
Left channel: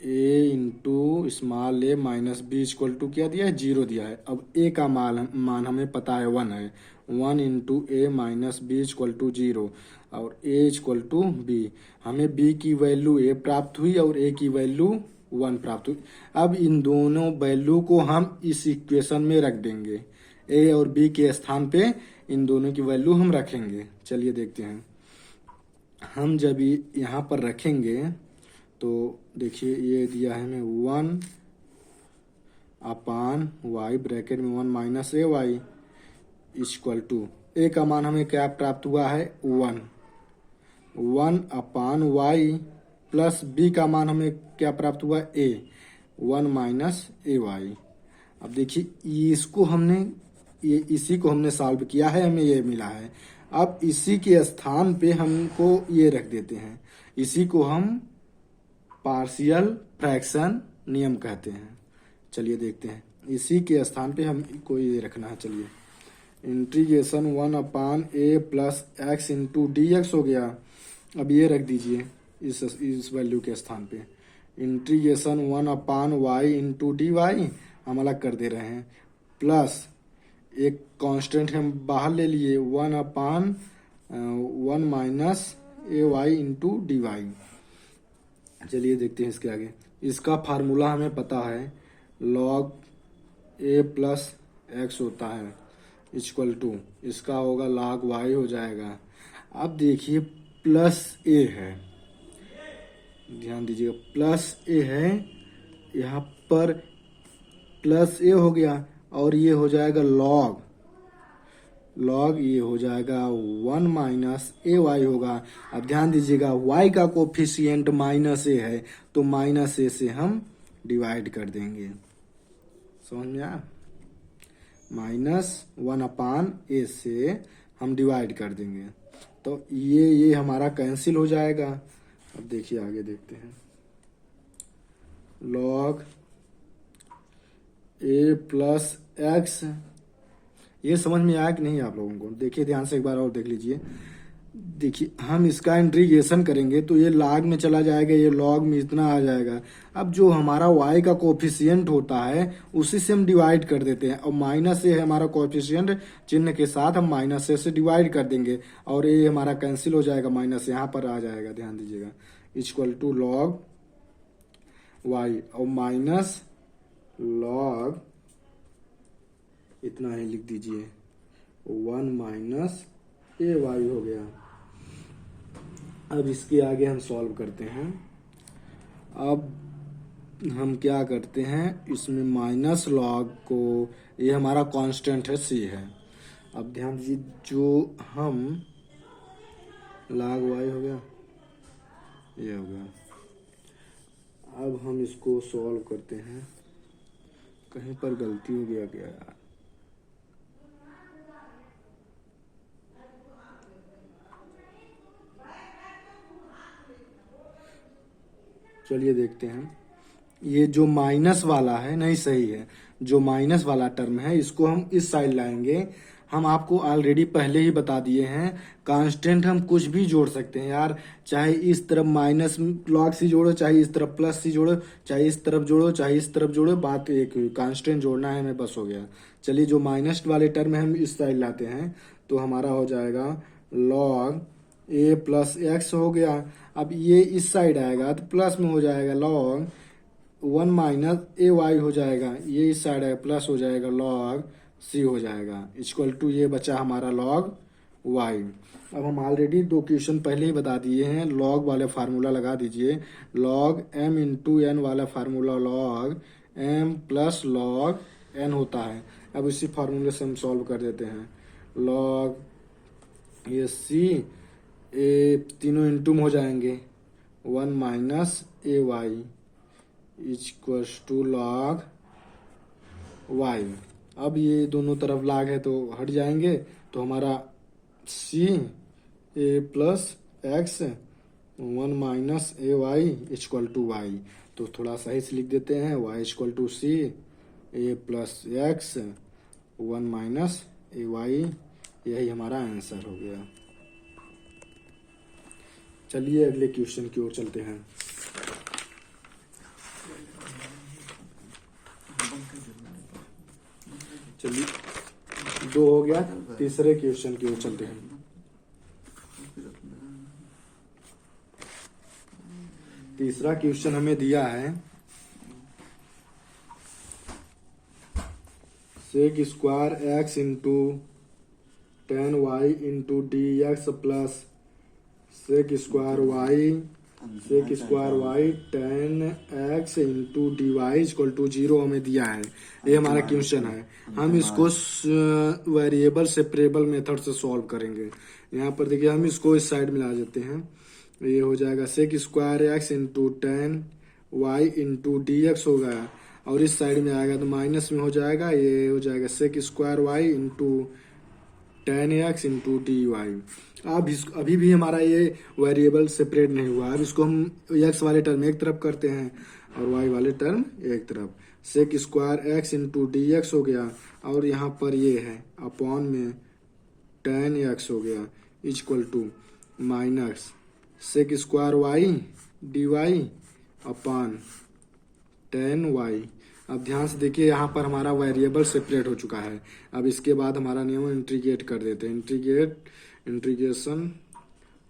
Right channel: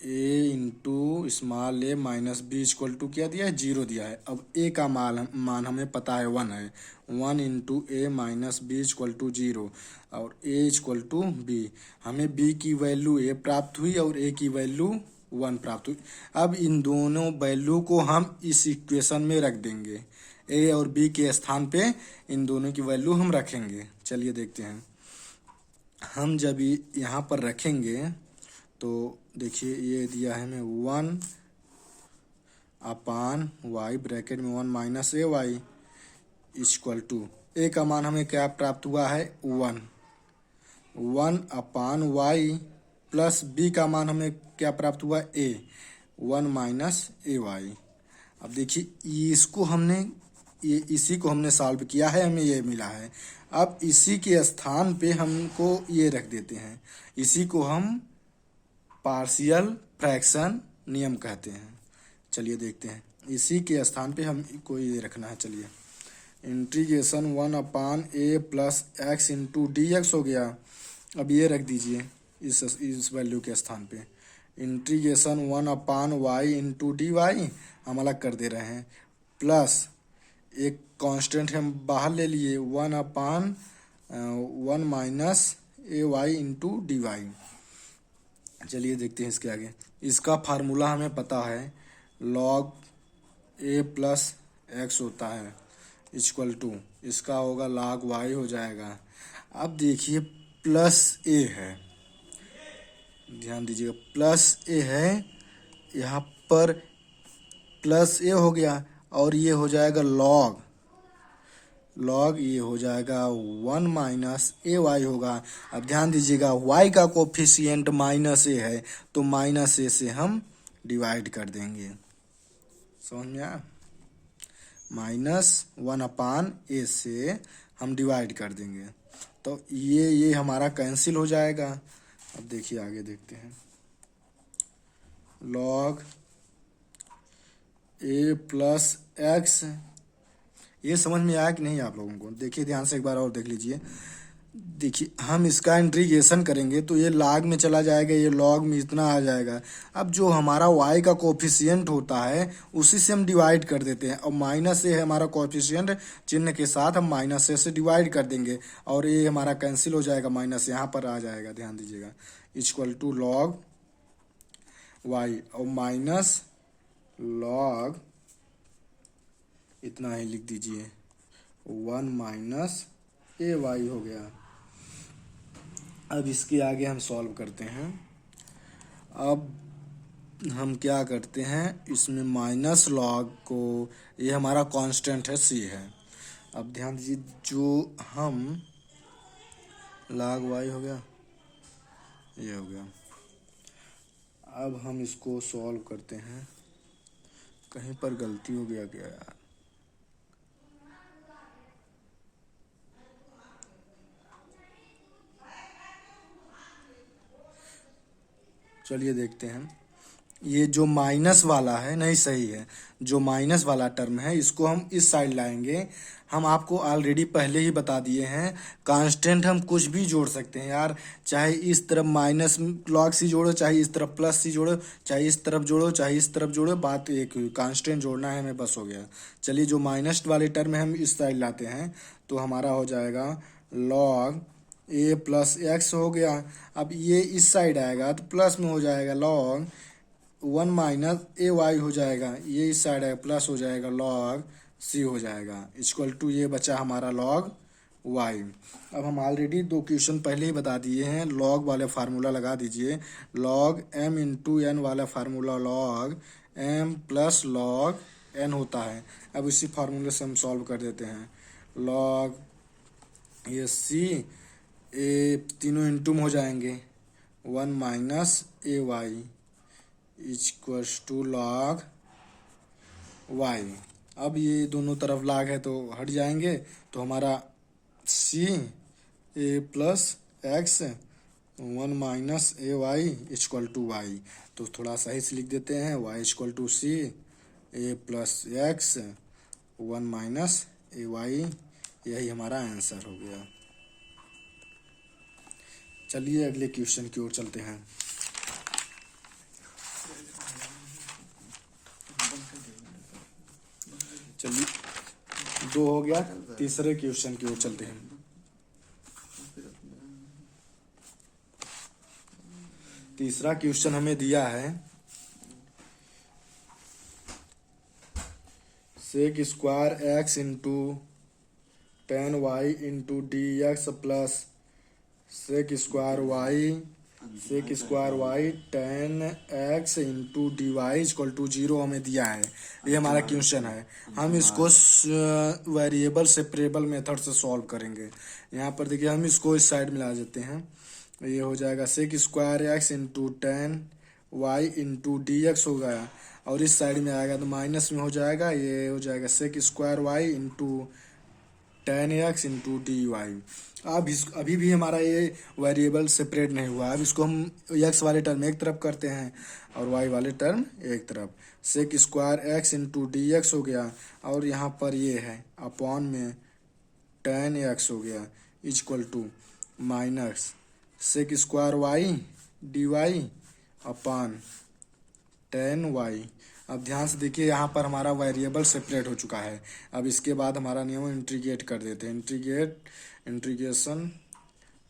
a into small a minus b equal to क्या दिया है, 0 दिया है। अब ए का मान हमें पता है 1 है, 1 into a minus b equal to 0, और ए इक्वल टू बी। हमें बी की वैल्यू ए प्राप्त हुई और ए की वैल्यू 1 प्राप्त हुई। अब इन दोनों वैल्यू को हम इस इक्वेशन में रख देंगे, ए और बी के स्थान पे इन दोनों की वैल्यू हम रखेंगे। चलिए देखते हैं। हम जब यहाँ पर रखेंगे तो देखिए ये दिया है हमें 1 अपान वाई ब्रैकेट में 1 minus a y equal to a का मान हमें क्या प्राप्त हुआ है, 1 अपान वाई प्लस बी का मान हमें क्या प्राप्त हुआ, ए 1 माइनस ए वाई। अब देखिए इसको हमने इसी को हमने सॉल्व किया है, हमें ये मिला है। अब इसी के स्थान पे हमको ये रख देते हैं, इसी को हम पार्शियल फ्रैक्शन नियम कहते हैं। चलिए देखते हैं, इसी के स्थान पे हमको ये रखना है। चलिए integration 1 upon a plus x into d x हो गया। अब ये रख दीजिए इस वैल्यू के स्थान पे। Integration 1 upon y into d y हम अलग कर दे रहे हैं, प्लस एक कांस्टेंट हम बाहर ले लिए 1 अपान 1 minus a Y into d Y. चलिए देखते हैं इसके आगे। इसका फार्मूला हमें पता है, लॉग ए प्लस एक्स होता है इक्वल टू, इसका होगा log वाई हो जाएगा। अब देखिए प्लस ए है, ध्यान दीजिएगा प्लस ए है, यहाँ पर प्लस ए हो गया और ये हो जाएगा लॉग ये हो जाएगा 1 माइनस ए वाई होगा। अब ध्यान दीजिएगा y का कोफिशिएंट माइनस ए है, तो माइनस ए से हम डिवाइड कर देंगे। समझ में आया, -1 अपान ए से हम डिवाइड कर देंगे, तो ये हमारा कैंसिल हो जाएगा। अब देखिए आगे देखते हैं, लॉग ए प्लस एक्स, ये समझ में आया कि नहीं आप लोगों को? देखिए ध्यान से एक बार और देख लीजिए। देखिए हम इसका इंटीग्रेशन करेंगे तो ये log में चला जाएगा, ये log में इतना आ जाएगा। अब जो हमारा y का कोफिशिएंट होता है उसी से हम डिवाइड कर देते हैं, और माइनस ए है हमारा कोफिशिएंट, चिन्ह के साथ हम माइनस ए से डिवाइड कर देंगे और ये हमारा कैंसिल हो जाएगा, माइनस यहाँ पर आ जाएगा, ध्यान दीजिएगा, इक्वल टू log y और माइनस log इतना ही लिख दीजिए 1 माइनस ए वाई हो गया। अब इसके आगे हम सॉल्व करते हैं। अब हम क्या करते हैं, इसमें माइनस लॉग को, ये हमारा कांस्टेंट है सी है। अब ध्यान दीजिए जो हम log वाई हो गया, ये हो गया। अब हम इसको सॉल्व करते हैं, कहीं पर गलती हो गया क्या यार, चलिए देखते हैं। ये जो माइनस वाला है नहीं सही है, जो माइनस वाला टर्म है इसको हम इस साइड लाएंगे। हम आपको ऑलरेडी पहले ही बता दिए हैं, कांस्टेंट हम कुछ भी जोड़ सकते हैं यार, चाहे इस तरफ माइनस लॉग सी जोड़ो, चाहे इस तरफ प्लस सी जोड़ो, चाहे इस तरफ जोड़ो, चाहे इस तरफ जोड़ो, बात एक हुई, कांस्टेंट जोड़ना है हमें, बस हो गया। चलिए जो माइनस वाले टर्म है हम इस साइड लाते हैं, तो हमारा हो जाएगा लॉग ए प्लस एक्स हो गया। अब ये इस साइड आएगा तो प्लस में हो जाएगा लॉग 1 माइनस ए वाई हो जाएगा, ये इस साइड आएगा प्लस हो जाएगा, लॉग सी हो जाएगा, इक्वल टू ये बचा हमारा लॉग वाई। अब हम ऑलरेडी 2 क्वेश्चन पहले ही बता दिए हैं, लॉग वाले फार्मूला लगा दीजिए, लॉग m इंटू एन वाला formula log m plus log n होता है। अब इसी फार्मूले से हम सॉल्व कर देते हैं, लॉग ये सी ए तीनों इंटू में हो जाएंगे, 1 minus a y equals to log y. अब ये दोनों तरफ लॉग है तो हट जाएंगे, तो हमारा c a plus x 1 minus a y equal to y, तो थोड़ा सही से लिख देते हैं, y equal to c a plus x 1 minus a y, यही हमारा आंसर हो गया। चलिए अगले क्वेश्चन की ओर चलते हैं। चलिए 2 हो गया, तीसरे क्वेश्चन की ओर चलते हैं। तीसरा क्वेश्चन हमें दिया है sec square x into 10y into d x plus sec square y 10x into d y equal to 0 हमें दिया है। ये हमारा क्वेश्चन है। हम इसको वेरिएबल सेपरेबल मेथड से सॉल्व करेंगे। यहाँ पर देखिए हम इसको इस साइड में ला देते हैं। ये हो जाएगा sec square x into 10y into d x होगा, और इस साइड में आएगा तो माइनस में हो जाएगा। ये हो जाएगा sec square y into 10x into d y. अब अभी भी हमारा ये वेरिएबल सेपरेट नहीं हुआ। अब इसको हम x वाले टर्म एक तरफ करते हैं और y वाले टर्म एक तरफ। Sec square x into d x हो गया, और यहाँ पर ये है अपॉन में 10x हो गया equal to minus sec square y d y upon 10y। अब ध्यान से देखिए यहाँ पर हमारा वेरिएबल सेपरेट हो चुका है। अब इसके बाद हमारा नियम इंटीग्रेट कर देते हैं। Integration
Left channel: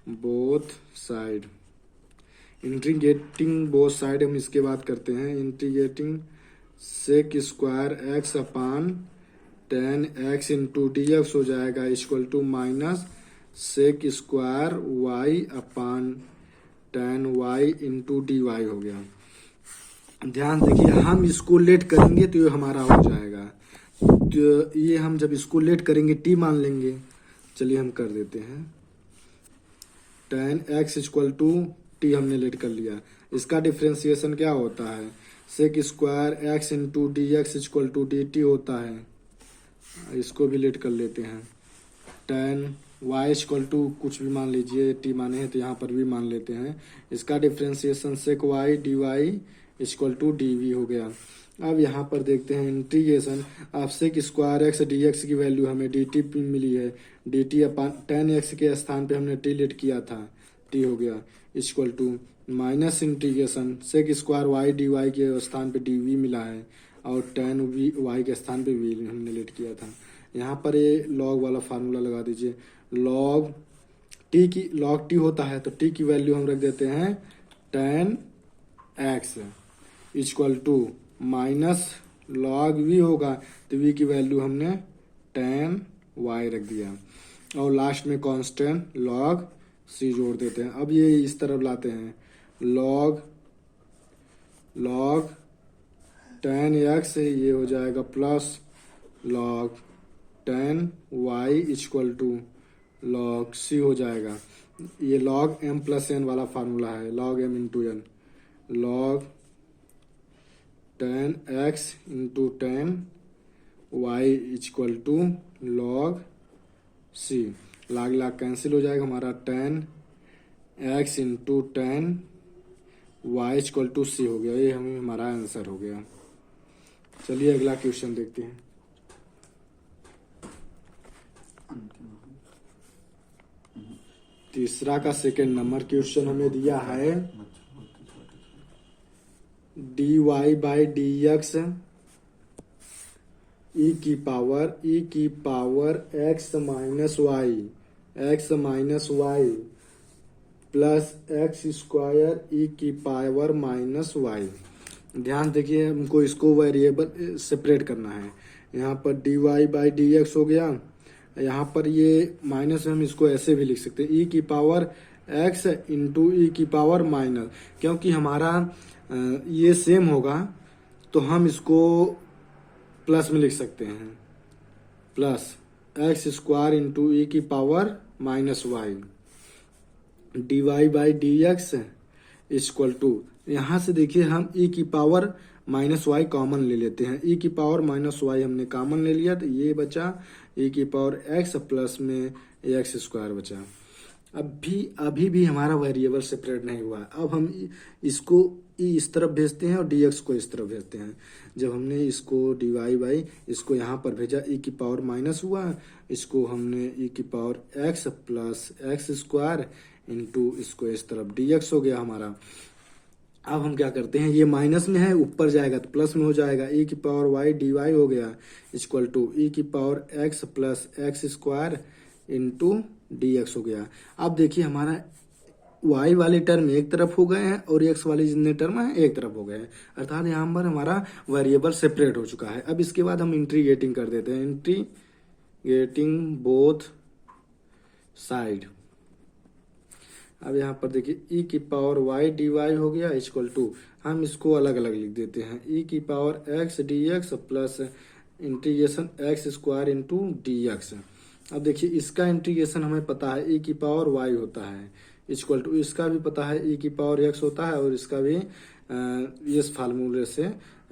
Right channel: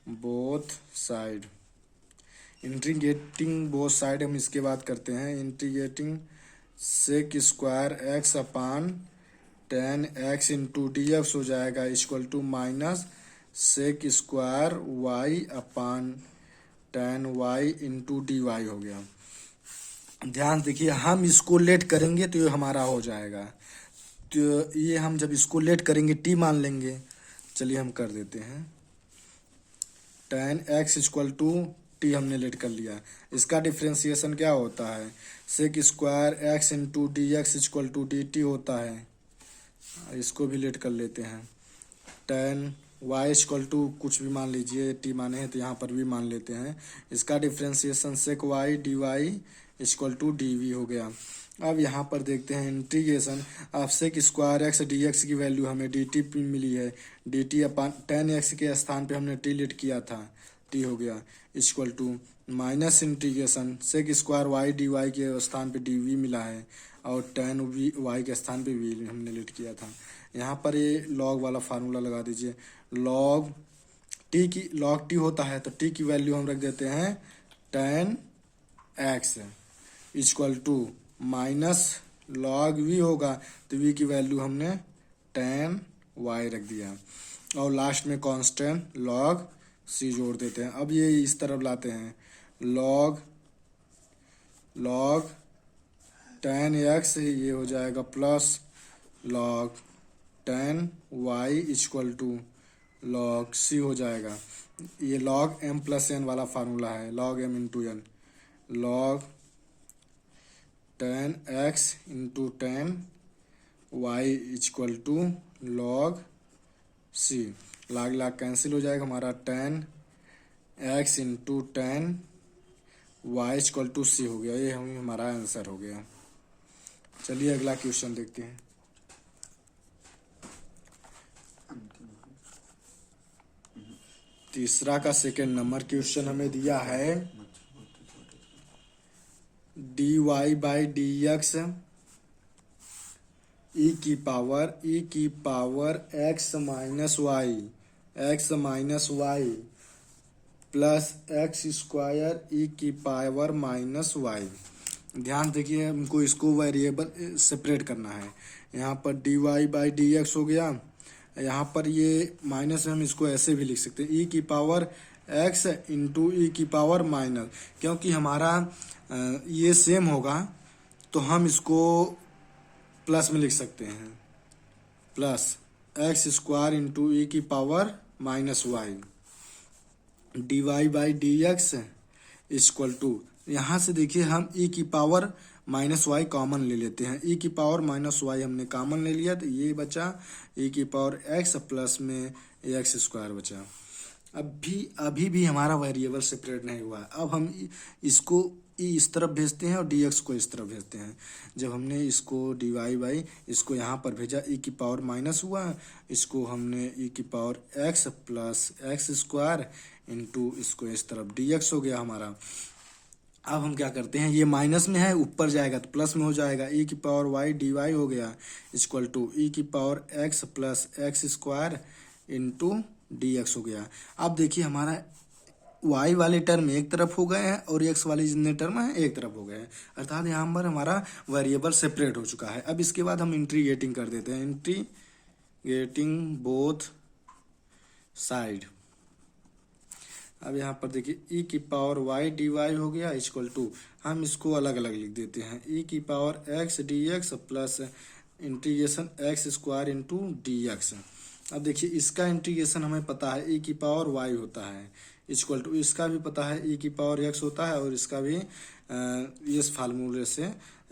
both side, integrating both side हम इसके बाद करते हैं। Integrating sec square x upon 10x into d x हो जाएगा equal to minus sec square y upon 10y into d y हो गया। ध्यान देखिए हम इसको लेट करेंगे तो ये हमारा हो जाएगा। तो ये हम जब इसको लेट करेंगे t मान लेंगे। चलिए हम कर देते हैं 10x इक्वल टू t हमने लेट कर लिया। इसका डिफ्रेंसिएशन क्या होता है? Sec square x into d x equal to d t होता है। इसको भी लेट कर लेते हैं। 10y इक्वल टू कुछ भी मान लीजिए, t माने हैं तो यहाँ पर भी मान लेते हैं। इसका differentiation sec y d y equal to d v हो गया। अब यहाँ पर देखते हैं integration of sec square x d x की वैल्यू हमें डी टी मिली है। डी टी अपन 10x के स्थान पे हमने टी लेट किया था, t हो गया equal to minus integration sec square y d y के स्थान पे डी वी मिला है, और 10y के स्थान पे v हमने लेट किया था। यहाँ पर ये लॉग वाला फार्मूला लगा दीजिए। लॉग t होता है तो t की वैल्यू हम रख देते हैं 10x equal to minus log v होगा तो v की वैल्यू हमने 10y रख दिया, और लास्ट में कांस्टेंट लॉग c जोड़ देते हैं। अब ये इस तरफ लाते हैं। लॉग 10x ये हो जाएगा plus log 10y equal to log c हो जाएगा। ये लॉग m प्लस n वाला फार्मूला है, log m into n। Log 10x into 10y equal to log c। Log cancel हो जाएगा हमारा 10x into 10y equal to c हो गया। ये हमारा आंसर हो गया। चलिए अगला क्वेश्चन देखते हैं। तीसरा का सेकेंड नंबर क्वेश्चन हमें दिया है dy by d x e की power x minus y plus x square e की पावर माइनस वाई। ध्यान देखिए हमको इसको वेरिएबल सेपरेट करना है। यहाँ पर dy बाई डी एक्स हो गया, यहाँ पर ये माइनस में हम इसको ऐसे भी लिख सकते हैं ई की पावर x इंटू ई की पावर माइनस, क्योंकि हमारा ये सेम होगा तो हम इसको प्लस में लिख सकते हैं। Plus x square into e की power minus y d y by d x equal to, यहाँ से देखिए हम ई की पावर माइनस वाई कॉमन ले लेते हैं। ई की पावर माइनस वाई हमने कॉमन ले लिया तो ये बचा ई की पावर एक्स प्लस में एक्स स्क्वायर बचा। अभी भी हमारा वेरिएबल सेपरेट नहीं हुआ है। अब हम इसको ई इस तरफ भेजते हैं और डी एक्स को इस तरफ भेजते हैं। जब हमने इसको डी वाई बाई इसको यहाँ पर भेजा, ई की पावर माइनस हुआ, इसको हमने ई की power x plus x square into इसको इस तरफ डी एक्स हो गया हमारा। अब हम क्या करते हैं, ये माइनस में है, ऊपर जाएगा तो प्लस में हो जाएगा, ई की पावर वाई डी वाई हो गया इक्वल टू ई की power x plus x square into d x हो गया। अब देखिए हमारा वाई वाले टर्म एक तरफ हो गए हैं और एक्स वाले जितने टर्म हैं एक तरफ हो गए हैं, अर्थात यहाँ पर हमारा वेरिएबल सेपरेट हो चुका है। अब इसके बाद हम इंटीग्रेटिंग कर देते हैं, इंटीग्रेटिंग बोथ साइड। अब यहाँ पर देखिए ई की पावर वाई डी वाई हो गया इक्वल टू, हम इसको अलग अलग लिख देते हैं, ई की power x d x plus integration x square into d x. अब देखिए इसका इंटीग्रेशन हमें पता है ई की पावर वाई होता है इक्वल टू, इसका भी पता है ई की पावर एक्स होता है और इसका भी इस फार्मूले से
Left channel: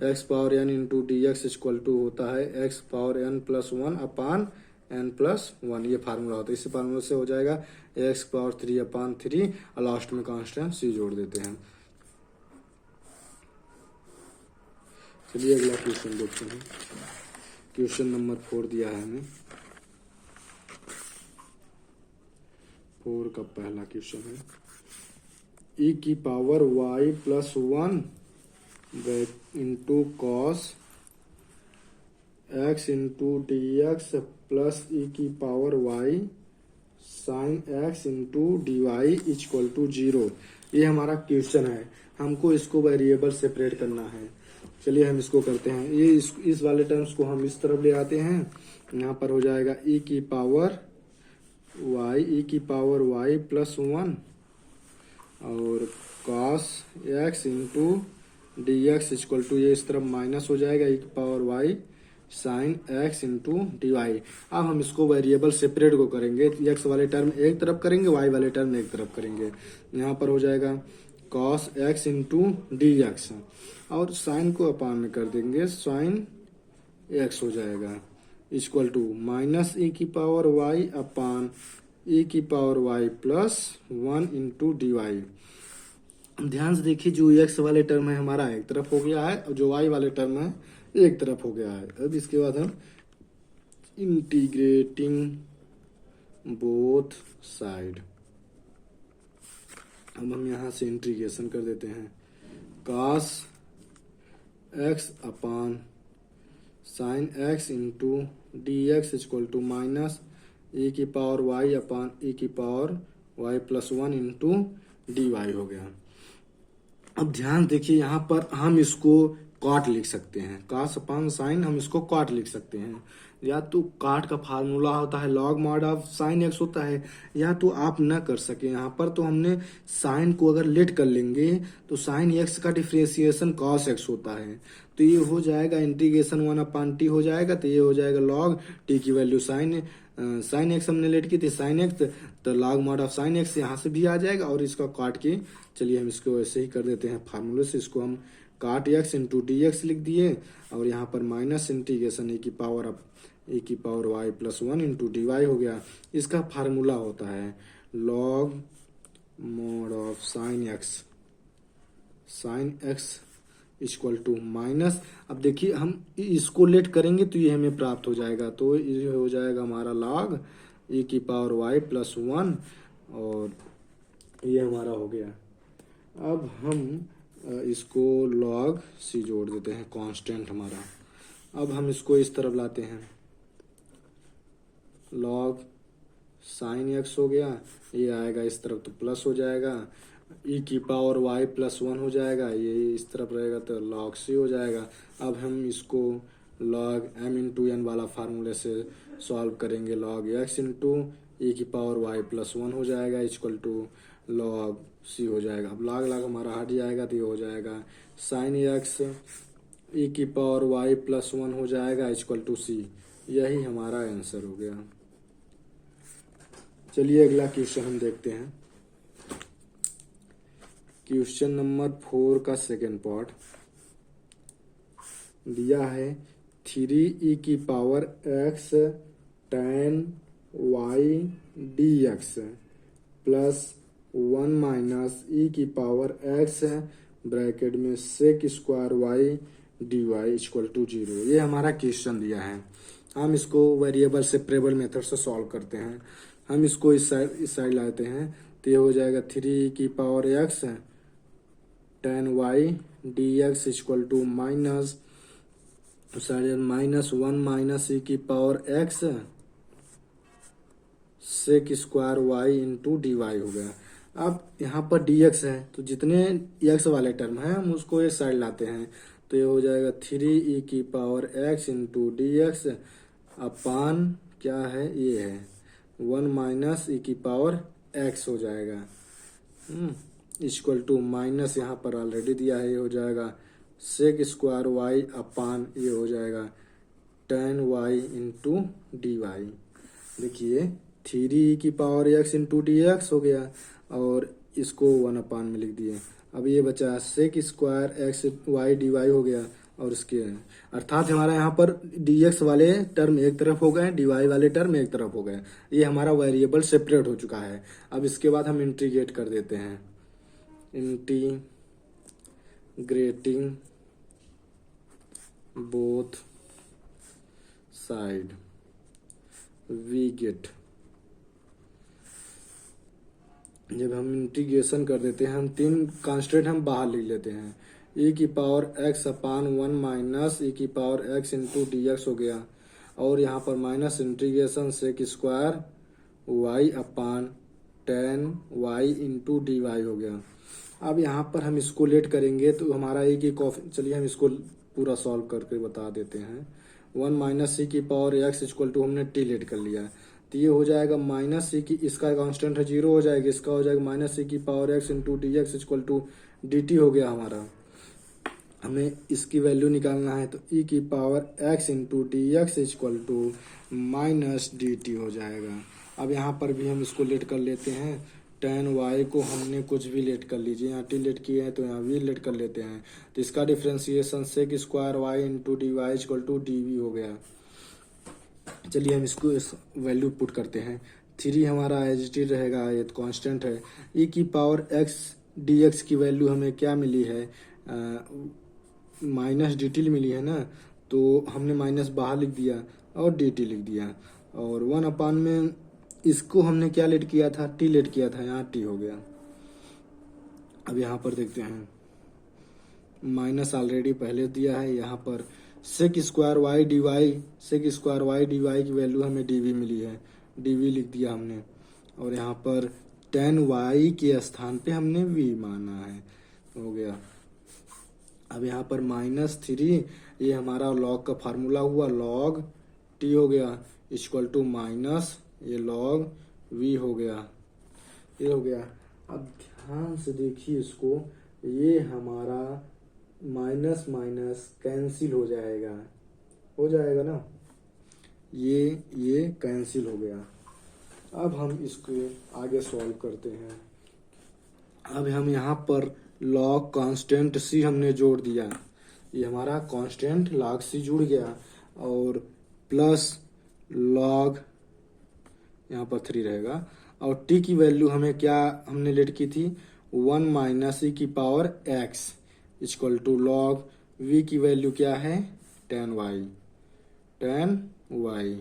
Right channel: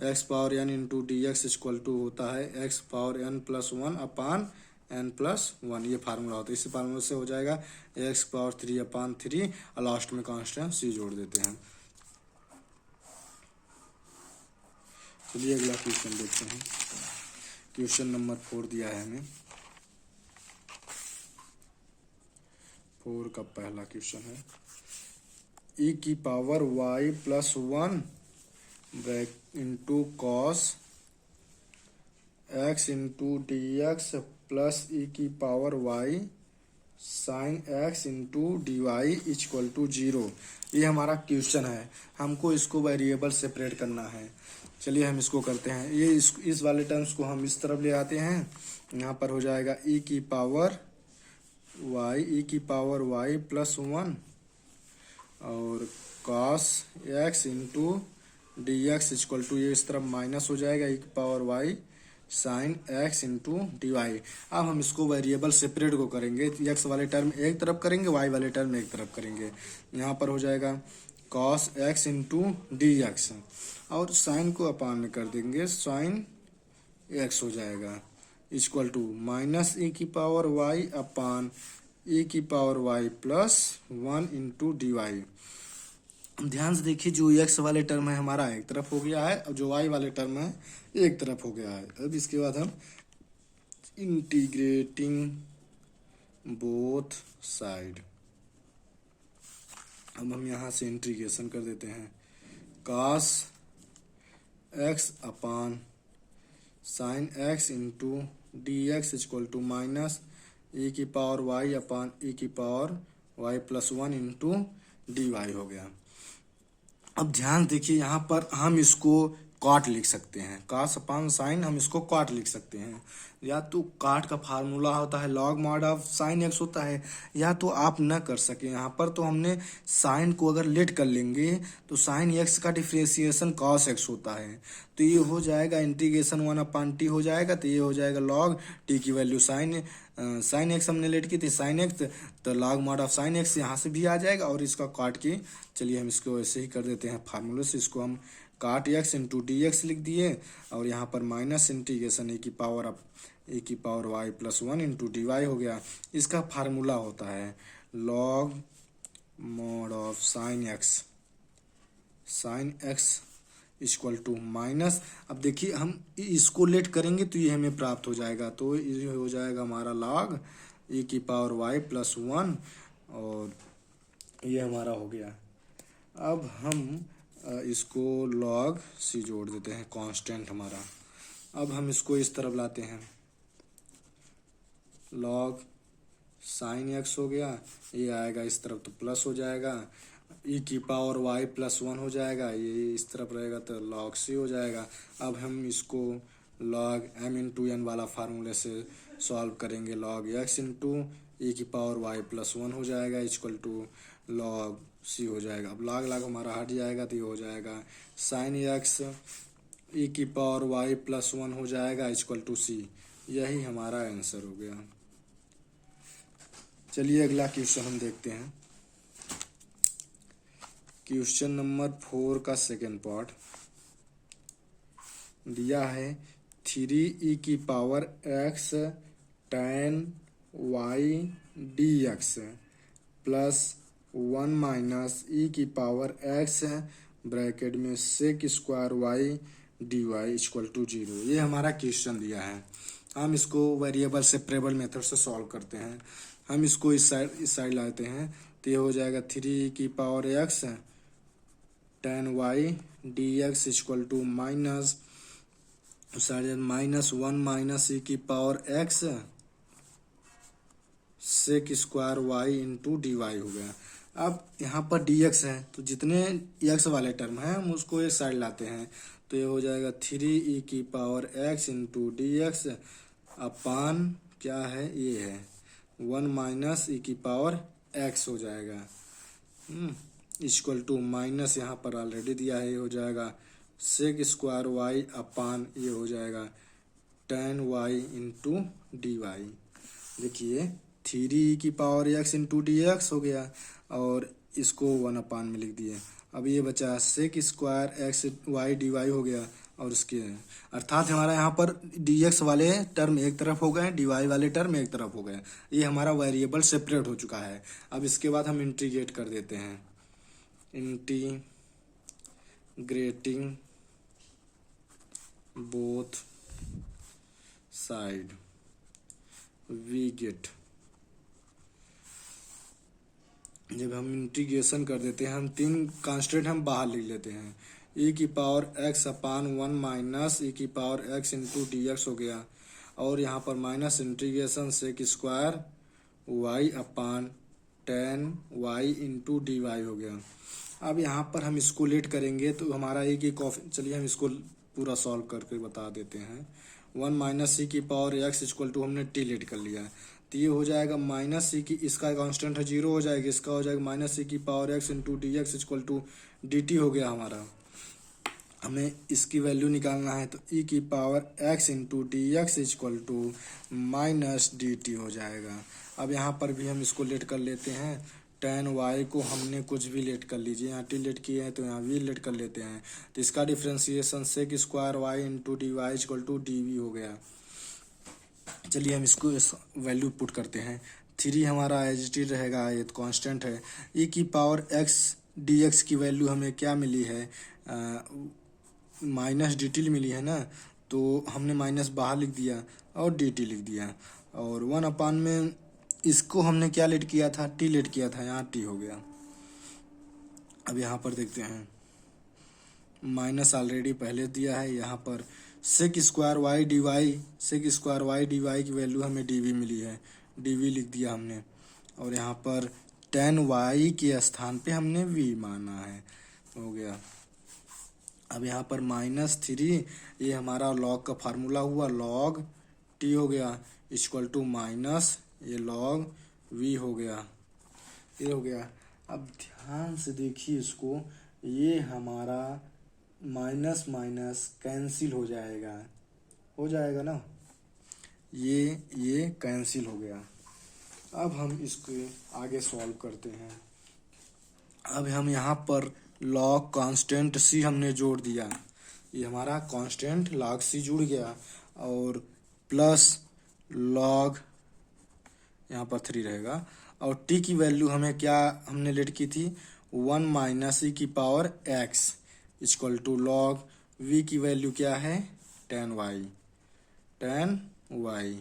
x power n into d x equal to होता है x power n plus one upon n plus one, ये फार्मूला होता है। इसी फार्मूले से हो जाएगा x power three upon three और लास्ट में कांस्टेंट सी जोड़ देते हैं। चलिए अगला क्वेश्चन देखते हैं। क्वेश्चन नंबर 4 दिया है हमें, 4 का पहला क्वेश्चन है, ई की power y plus one into cos x into d x plus e की power y sine x into d y equal to 0। ये हमारा क्वेश्चन है, हमको इसको वेरिएबल सेपरेट करना है। चलिए हम इसको करते हैं, ये इस वाले टर्म्स को हम इस तरफ ले आते हैं, यहाँ पर हो जाएगा ई की पावर वाई प्लस वन और cos x into d x equal to, ये इस तरफ माइनस हो जाएगा, ई की power y sine x into d y. अब हम इसको वेरिएबल सेपरेट को करेंगे, एक्स वाले टर्म एक तरफ करेंगे, वाई वाले टर्म एक तरफ करेंगे। यहाँ पर हो जाएगा cos x into d x और साइन को अपान में कर देंगे, साइन एक्स हो जाएगा इक्वल टू माइनस ई की पावर वाई अपान ई की power y plus one into d y. ध्यान से देखिए, जो एक्स वाले टर्म है हमारा एक तरफ हो गया है और जो वाई वाले टर्म है एक तरफ हो गया है। अब इसके बाद हम इंटीग्रेटिंग बोथ साइड, अब हम यहाँ से इंटीग्रेशन कर देते हैं, cos x upon sine x into d x equal to minus e की पावर वाई अपान ई की power y plus one into d y हो गया। अब ध्यान देखिए, यहाँ पर हम इसको कॉट लिख सकते हैं, कास अपान साइन हम इसको कॉट लिख सकते हैं, या तो काट का फार्मूला होता है log mod of sine x होता है, या तो आप न कर सके यहाँ पर, तो हमने साइन को अगर लेट कर लेंगे तो साइन एक्स का डिफ्रेंसिएशन कॉस एक्स होता है, तो ये हो जाएगा इंटीग्रेशन वन अपान टी हो जाएगा, तो ये हो जाएगा लॉग टी की वैल्यू साइन एक्स हमने लेट की थी साइन एक्स, तो log mod of sine x यहाँ से भी आ जाएगा और इसका काट के, चलिए हम इसको वैसे ही कर देते हैं फार्मूले से, इसको हम काट एक्स इंटू डी एक्स लिख दिए और यहाँ पर माइनस इंटीग्रेशन ए की power y plus one into d y हो गया। इसका फार्मूला होता है log mod of sine x equal to minus, अब देखिए हम इसको लेट करेंगे तो ये हमें प्राप्त हो जाएगा, तो ये हो जाएगा हमारा लॉग ए की पावर वाई प्लस वन और ये हमारा हो गया। अब हम इसको लॉग सी जोड़ देते हैं, कांस्टेंट हमारा। अब हम इसको इस तरफ लाते हैं, लॉग साइन एक्स हो गया, ये आएगा इस तरफ तो प्लस हो जाएगा, ई की पावर वाई प्लस वन हो जाएगा, ये इस तरफ रहेगा तो लॉग सी हो जाएगा। अब हम इसको लॉग एम इंटू एन वाला फार्मूले से सॉल्व करेंगे, लॉग एक्स इंटू ई की पावर वाई प्लस वन हो जाएगा इक्वल टू लॉग सी हो जाएगा। अब लॉग हमारा हट जाएगा तो ये हो जाएगा साइन एक्स ई की पावर वाई प्लस वन हो जाएगा इक्वल टू सी, यही हमारा आंसर हो गया। चलिए अगला क्वेश्चन हम देखते हैं, क्वेश्चन नंबर 4 का सेकेंड पार्ट दिया है, 3 ई की power x tan y d x plus one minus e की पावर एक्स ब्रैकेट में sec square y d y equal to 0। ये हमारा क्वेश्चन दिया है। हम इसको वेरिएबल सेपरेबल मेथड से सॉल्व करते हैं। हम इसको इस साइड लाते हैं तो ये हो जाएगा 3 की power x tan y d x equal to minus -1 minus e की power x sec square y into d y हो गया। अब यहाँ पर डी एक्स है तो जितने एक्स वाले टर्म हैं हम उसको एक साइड लाते हैं तो ये हो जाएगा 3 ई की power x into d x upon क्या है ये है 1 माइनस ई की पावर एक्स हो जाएगा इक्वल टू माइनस यहाँ पर ऑलरेडी दिया है, ये हो जाएगा सेक स्क्वायर वाई अपान ये हो जाएगा 10 वाई इंटू डी वाई। देखिए 3 की power x into d x हो गया और इसको 1 अपान में लिख दिए। अब ये बचा sec square x y d y हो गया और इसके अर्थात हमारा यहाँ पर डी एक्स वाले टर्म एक तरफ हो गए, डी वाई वाले टर्म एक तरफ हो गए। ये हमारा वेरिएबल सेपरेट हो चुका है। अब इसके बाद हम इंटीग्रेट कर देते हैं। Integrating both side we get, जब हम इंटीग्रेशन कर देते हैं हम तीन कांस्टेंट हम बाहर लिख लेते हैं। e की power x upon 1 minus e की power x into d x हो गया और यहाँ पर minus integration sec square y upon 10 y into d y हो गया। अब यहाँ पर हम इसको लेट करेंगे तो हमारा e की चलिए हम इसको पूरा सॉल्व करके बता देते हैं। 1 माइनस ई की पावर x इक्वल टू हमने टी लेट कर लिया तो ये हो जाएगा माइनस सी की, इसका कांस्टेंट है 0 हो जाएगा, इसका हो जाएगा माइनस सी की power x into d x equal to d t हो गया हमारा। हमें इसकी वैल्यू निकालना है तो ई की power x into d x equal to minus d t हो जाएगा। अब यहाँ पर भी हम इसको लेट कर लेते हैं। 10 वाई को हमने कुछ भी लेट कर लीजिए, यहाँ टी लेट किए हैं तो यहाँ वी लेट कर लेते हैं तो इसका differentiation sec square y into d y equal to d v हो गया। चलिए हम इसको इस वैल्यू पुट करते हैं। 3 हमारा एज इट इज रहेगा, ये तो कांस्टेंट है। ई की पावर एक्स डी एक्स की वैल्यू हमें क्या मिली है, माइनस डी टी मिली है ना, तो हमने माइनस बाहर लिख दिया और डी टी लिख दिया और 1 अपान में इसको हमने क्या लेट किया था, टी लेट किया था, यहाँ टी हो गया। अब यहाँ पर देखते हैं माइनस ऑलरेडी पहले दिया है, यहाँ पर sec square y d y, sec square y d y की वैल्यू हमें डी वी मिली है, डी वी लिख दिया हमने और यहाँ पर 10 वाई के स्थान पे हमने वी माना है, हो गया। अब यहाँ पर -3 ये हमारा लॉग का फार्मूला हुआ, लॉग टी हो गया इक्वल टू माइनस ये लॉग वी हो गया, ये हो गया। अब ध्यान से देखिए इसको, ये हमारा माइनस माइनस कैंसिल हो जाएगा ना, ये कैंसिल हो गया। अब हम इसको आगे सॉल्व करते हैं। अब हम यहाँ पर लॉग कांस्टेंट सी हमने जोड़ दिया, ये हमारा कांस्टेंट लॉग सी जुड़ गया और प्लस लॉग यहाँ पर 3 रहेगा और t की वैल्यू हमें क्या हमने लेट की थी, 1 माइनस ई की power x equal to log v की वैल्यू क्या है 10 y।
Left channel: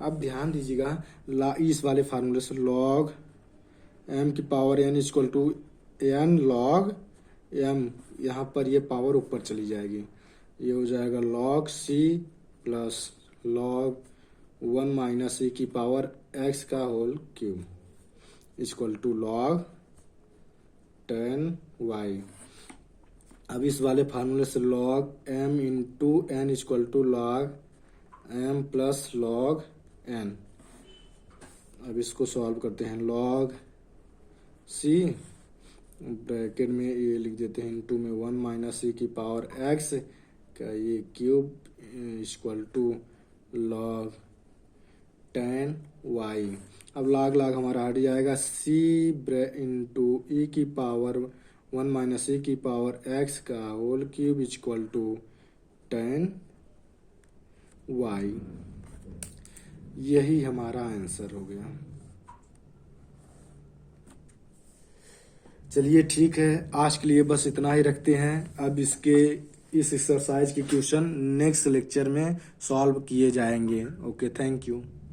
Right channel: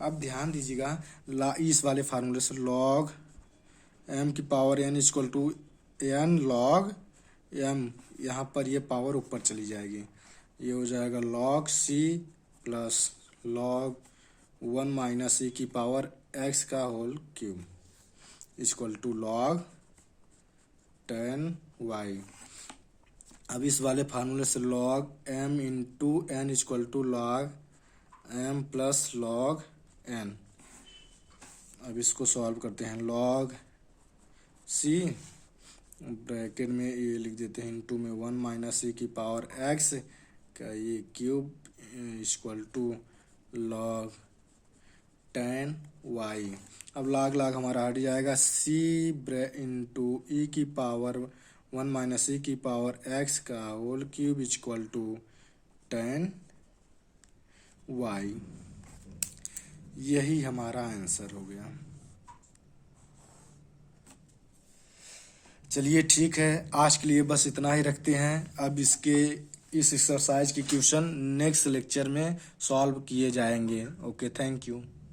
अब ध्यान दीजिएगा इस वाले फार्मूले से लॉग m की power n equal to n log m, यहाँ पर ये पावर ऊपर चली जाएगी, ये हो जाएगा log c plus log 1 minus e की पावर x का whole cube equal to log 10 y। अब इस वाले फार्मूले से log m into n equal to log m plus log n। अब इसको सॉल्व करते हैं। लॉग c ब्रैकेट में ये लिख देते हैं इंटू में 1 माइनस ई की पावर x का ये cube equal to log 10 y। अब लॉग हमारा हट जाएगा, c इंटू ई की पावर 1 माइनस ई की पावर x का whole cube equal to 10 y। यही हमारा आंसर हो गया। चलिए ठीक है, आज के लिए बस इतना ही रखते हैं। अब इस एक्सरसाइज के क्वेश्चन नेक्स्ट लेक्चर में सॉल्व किए जाएंगे। Okay, thank you.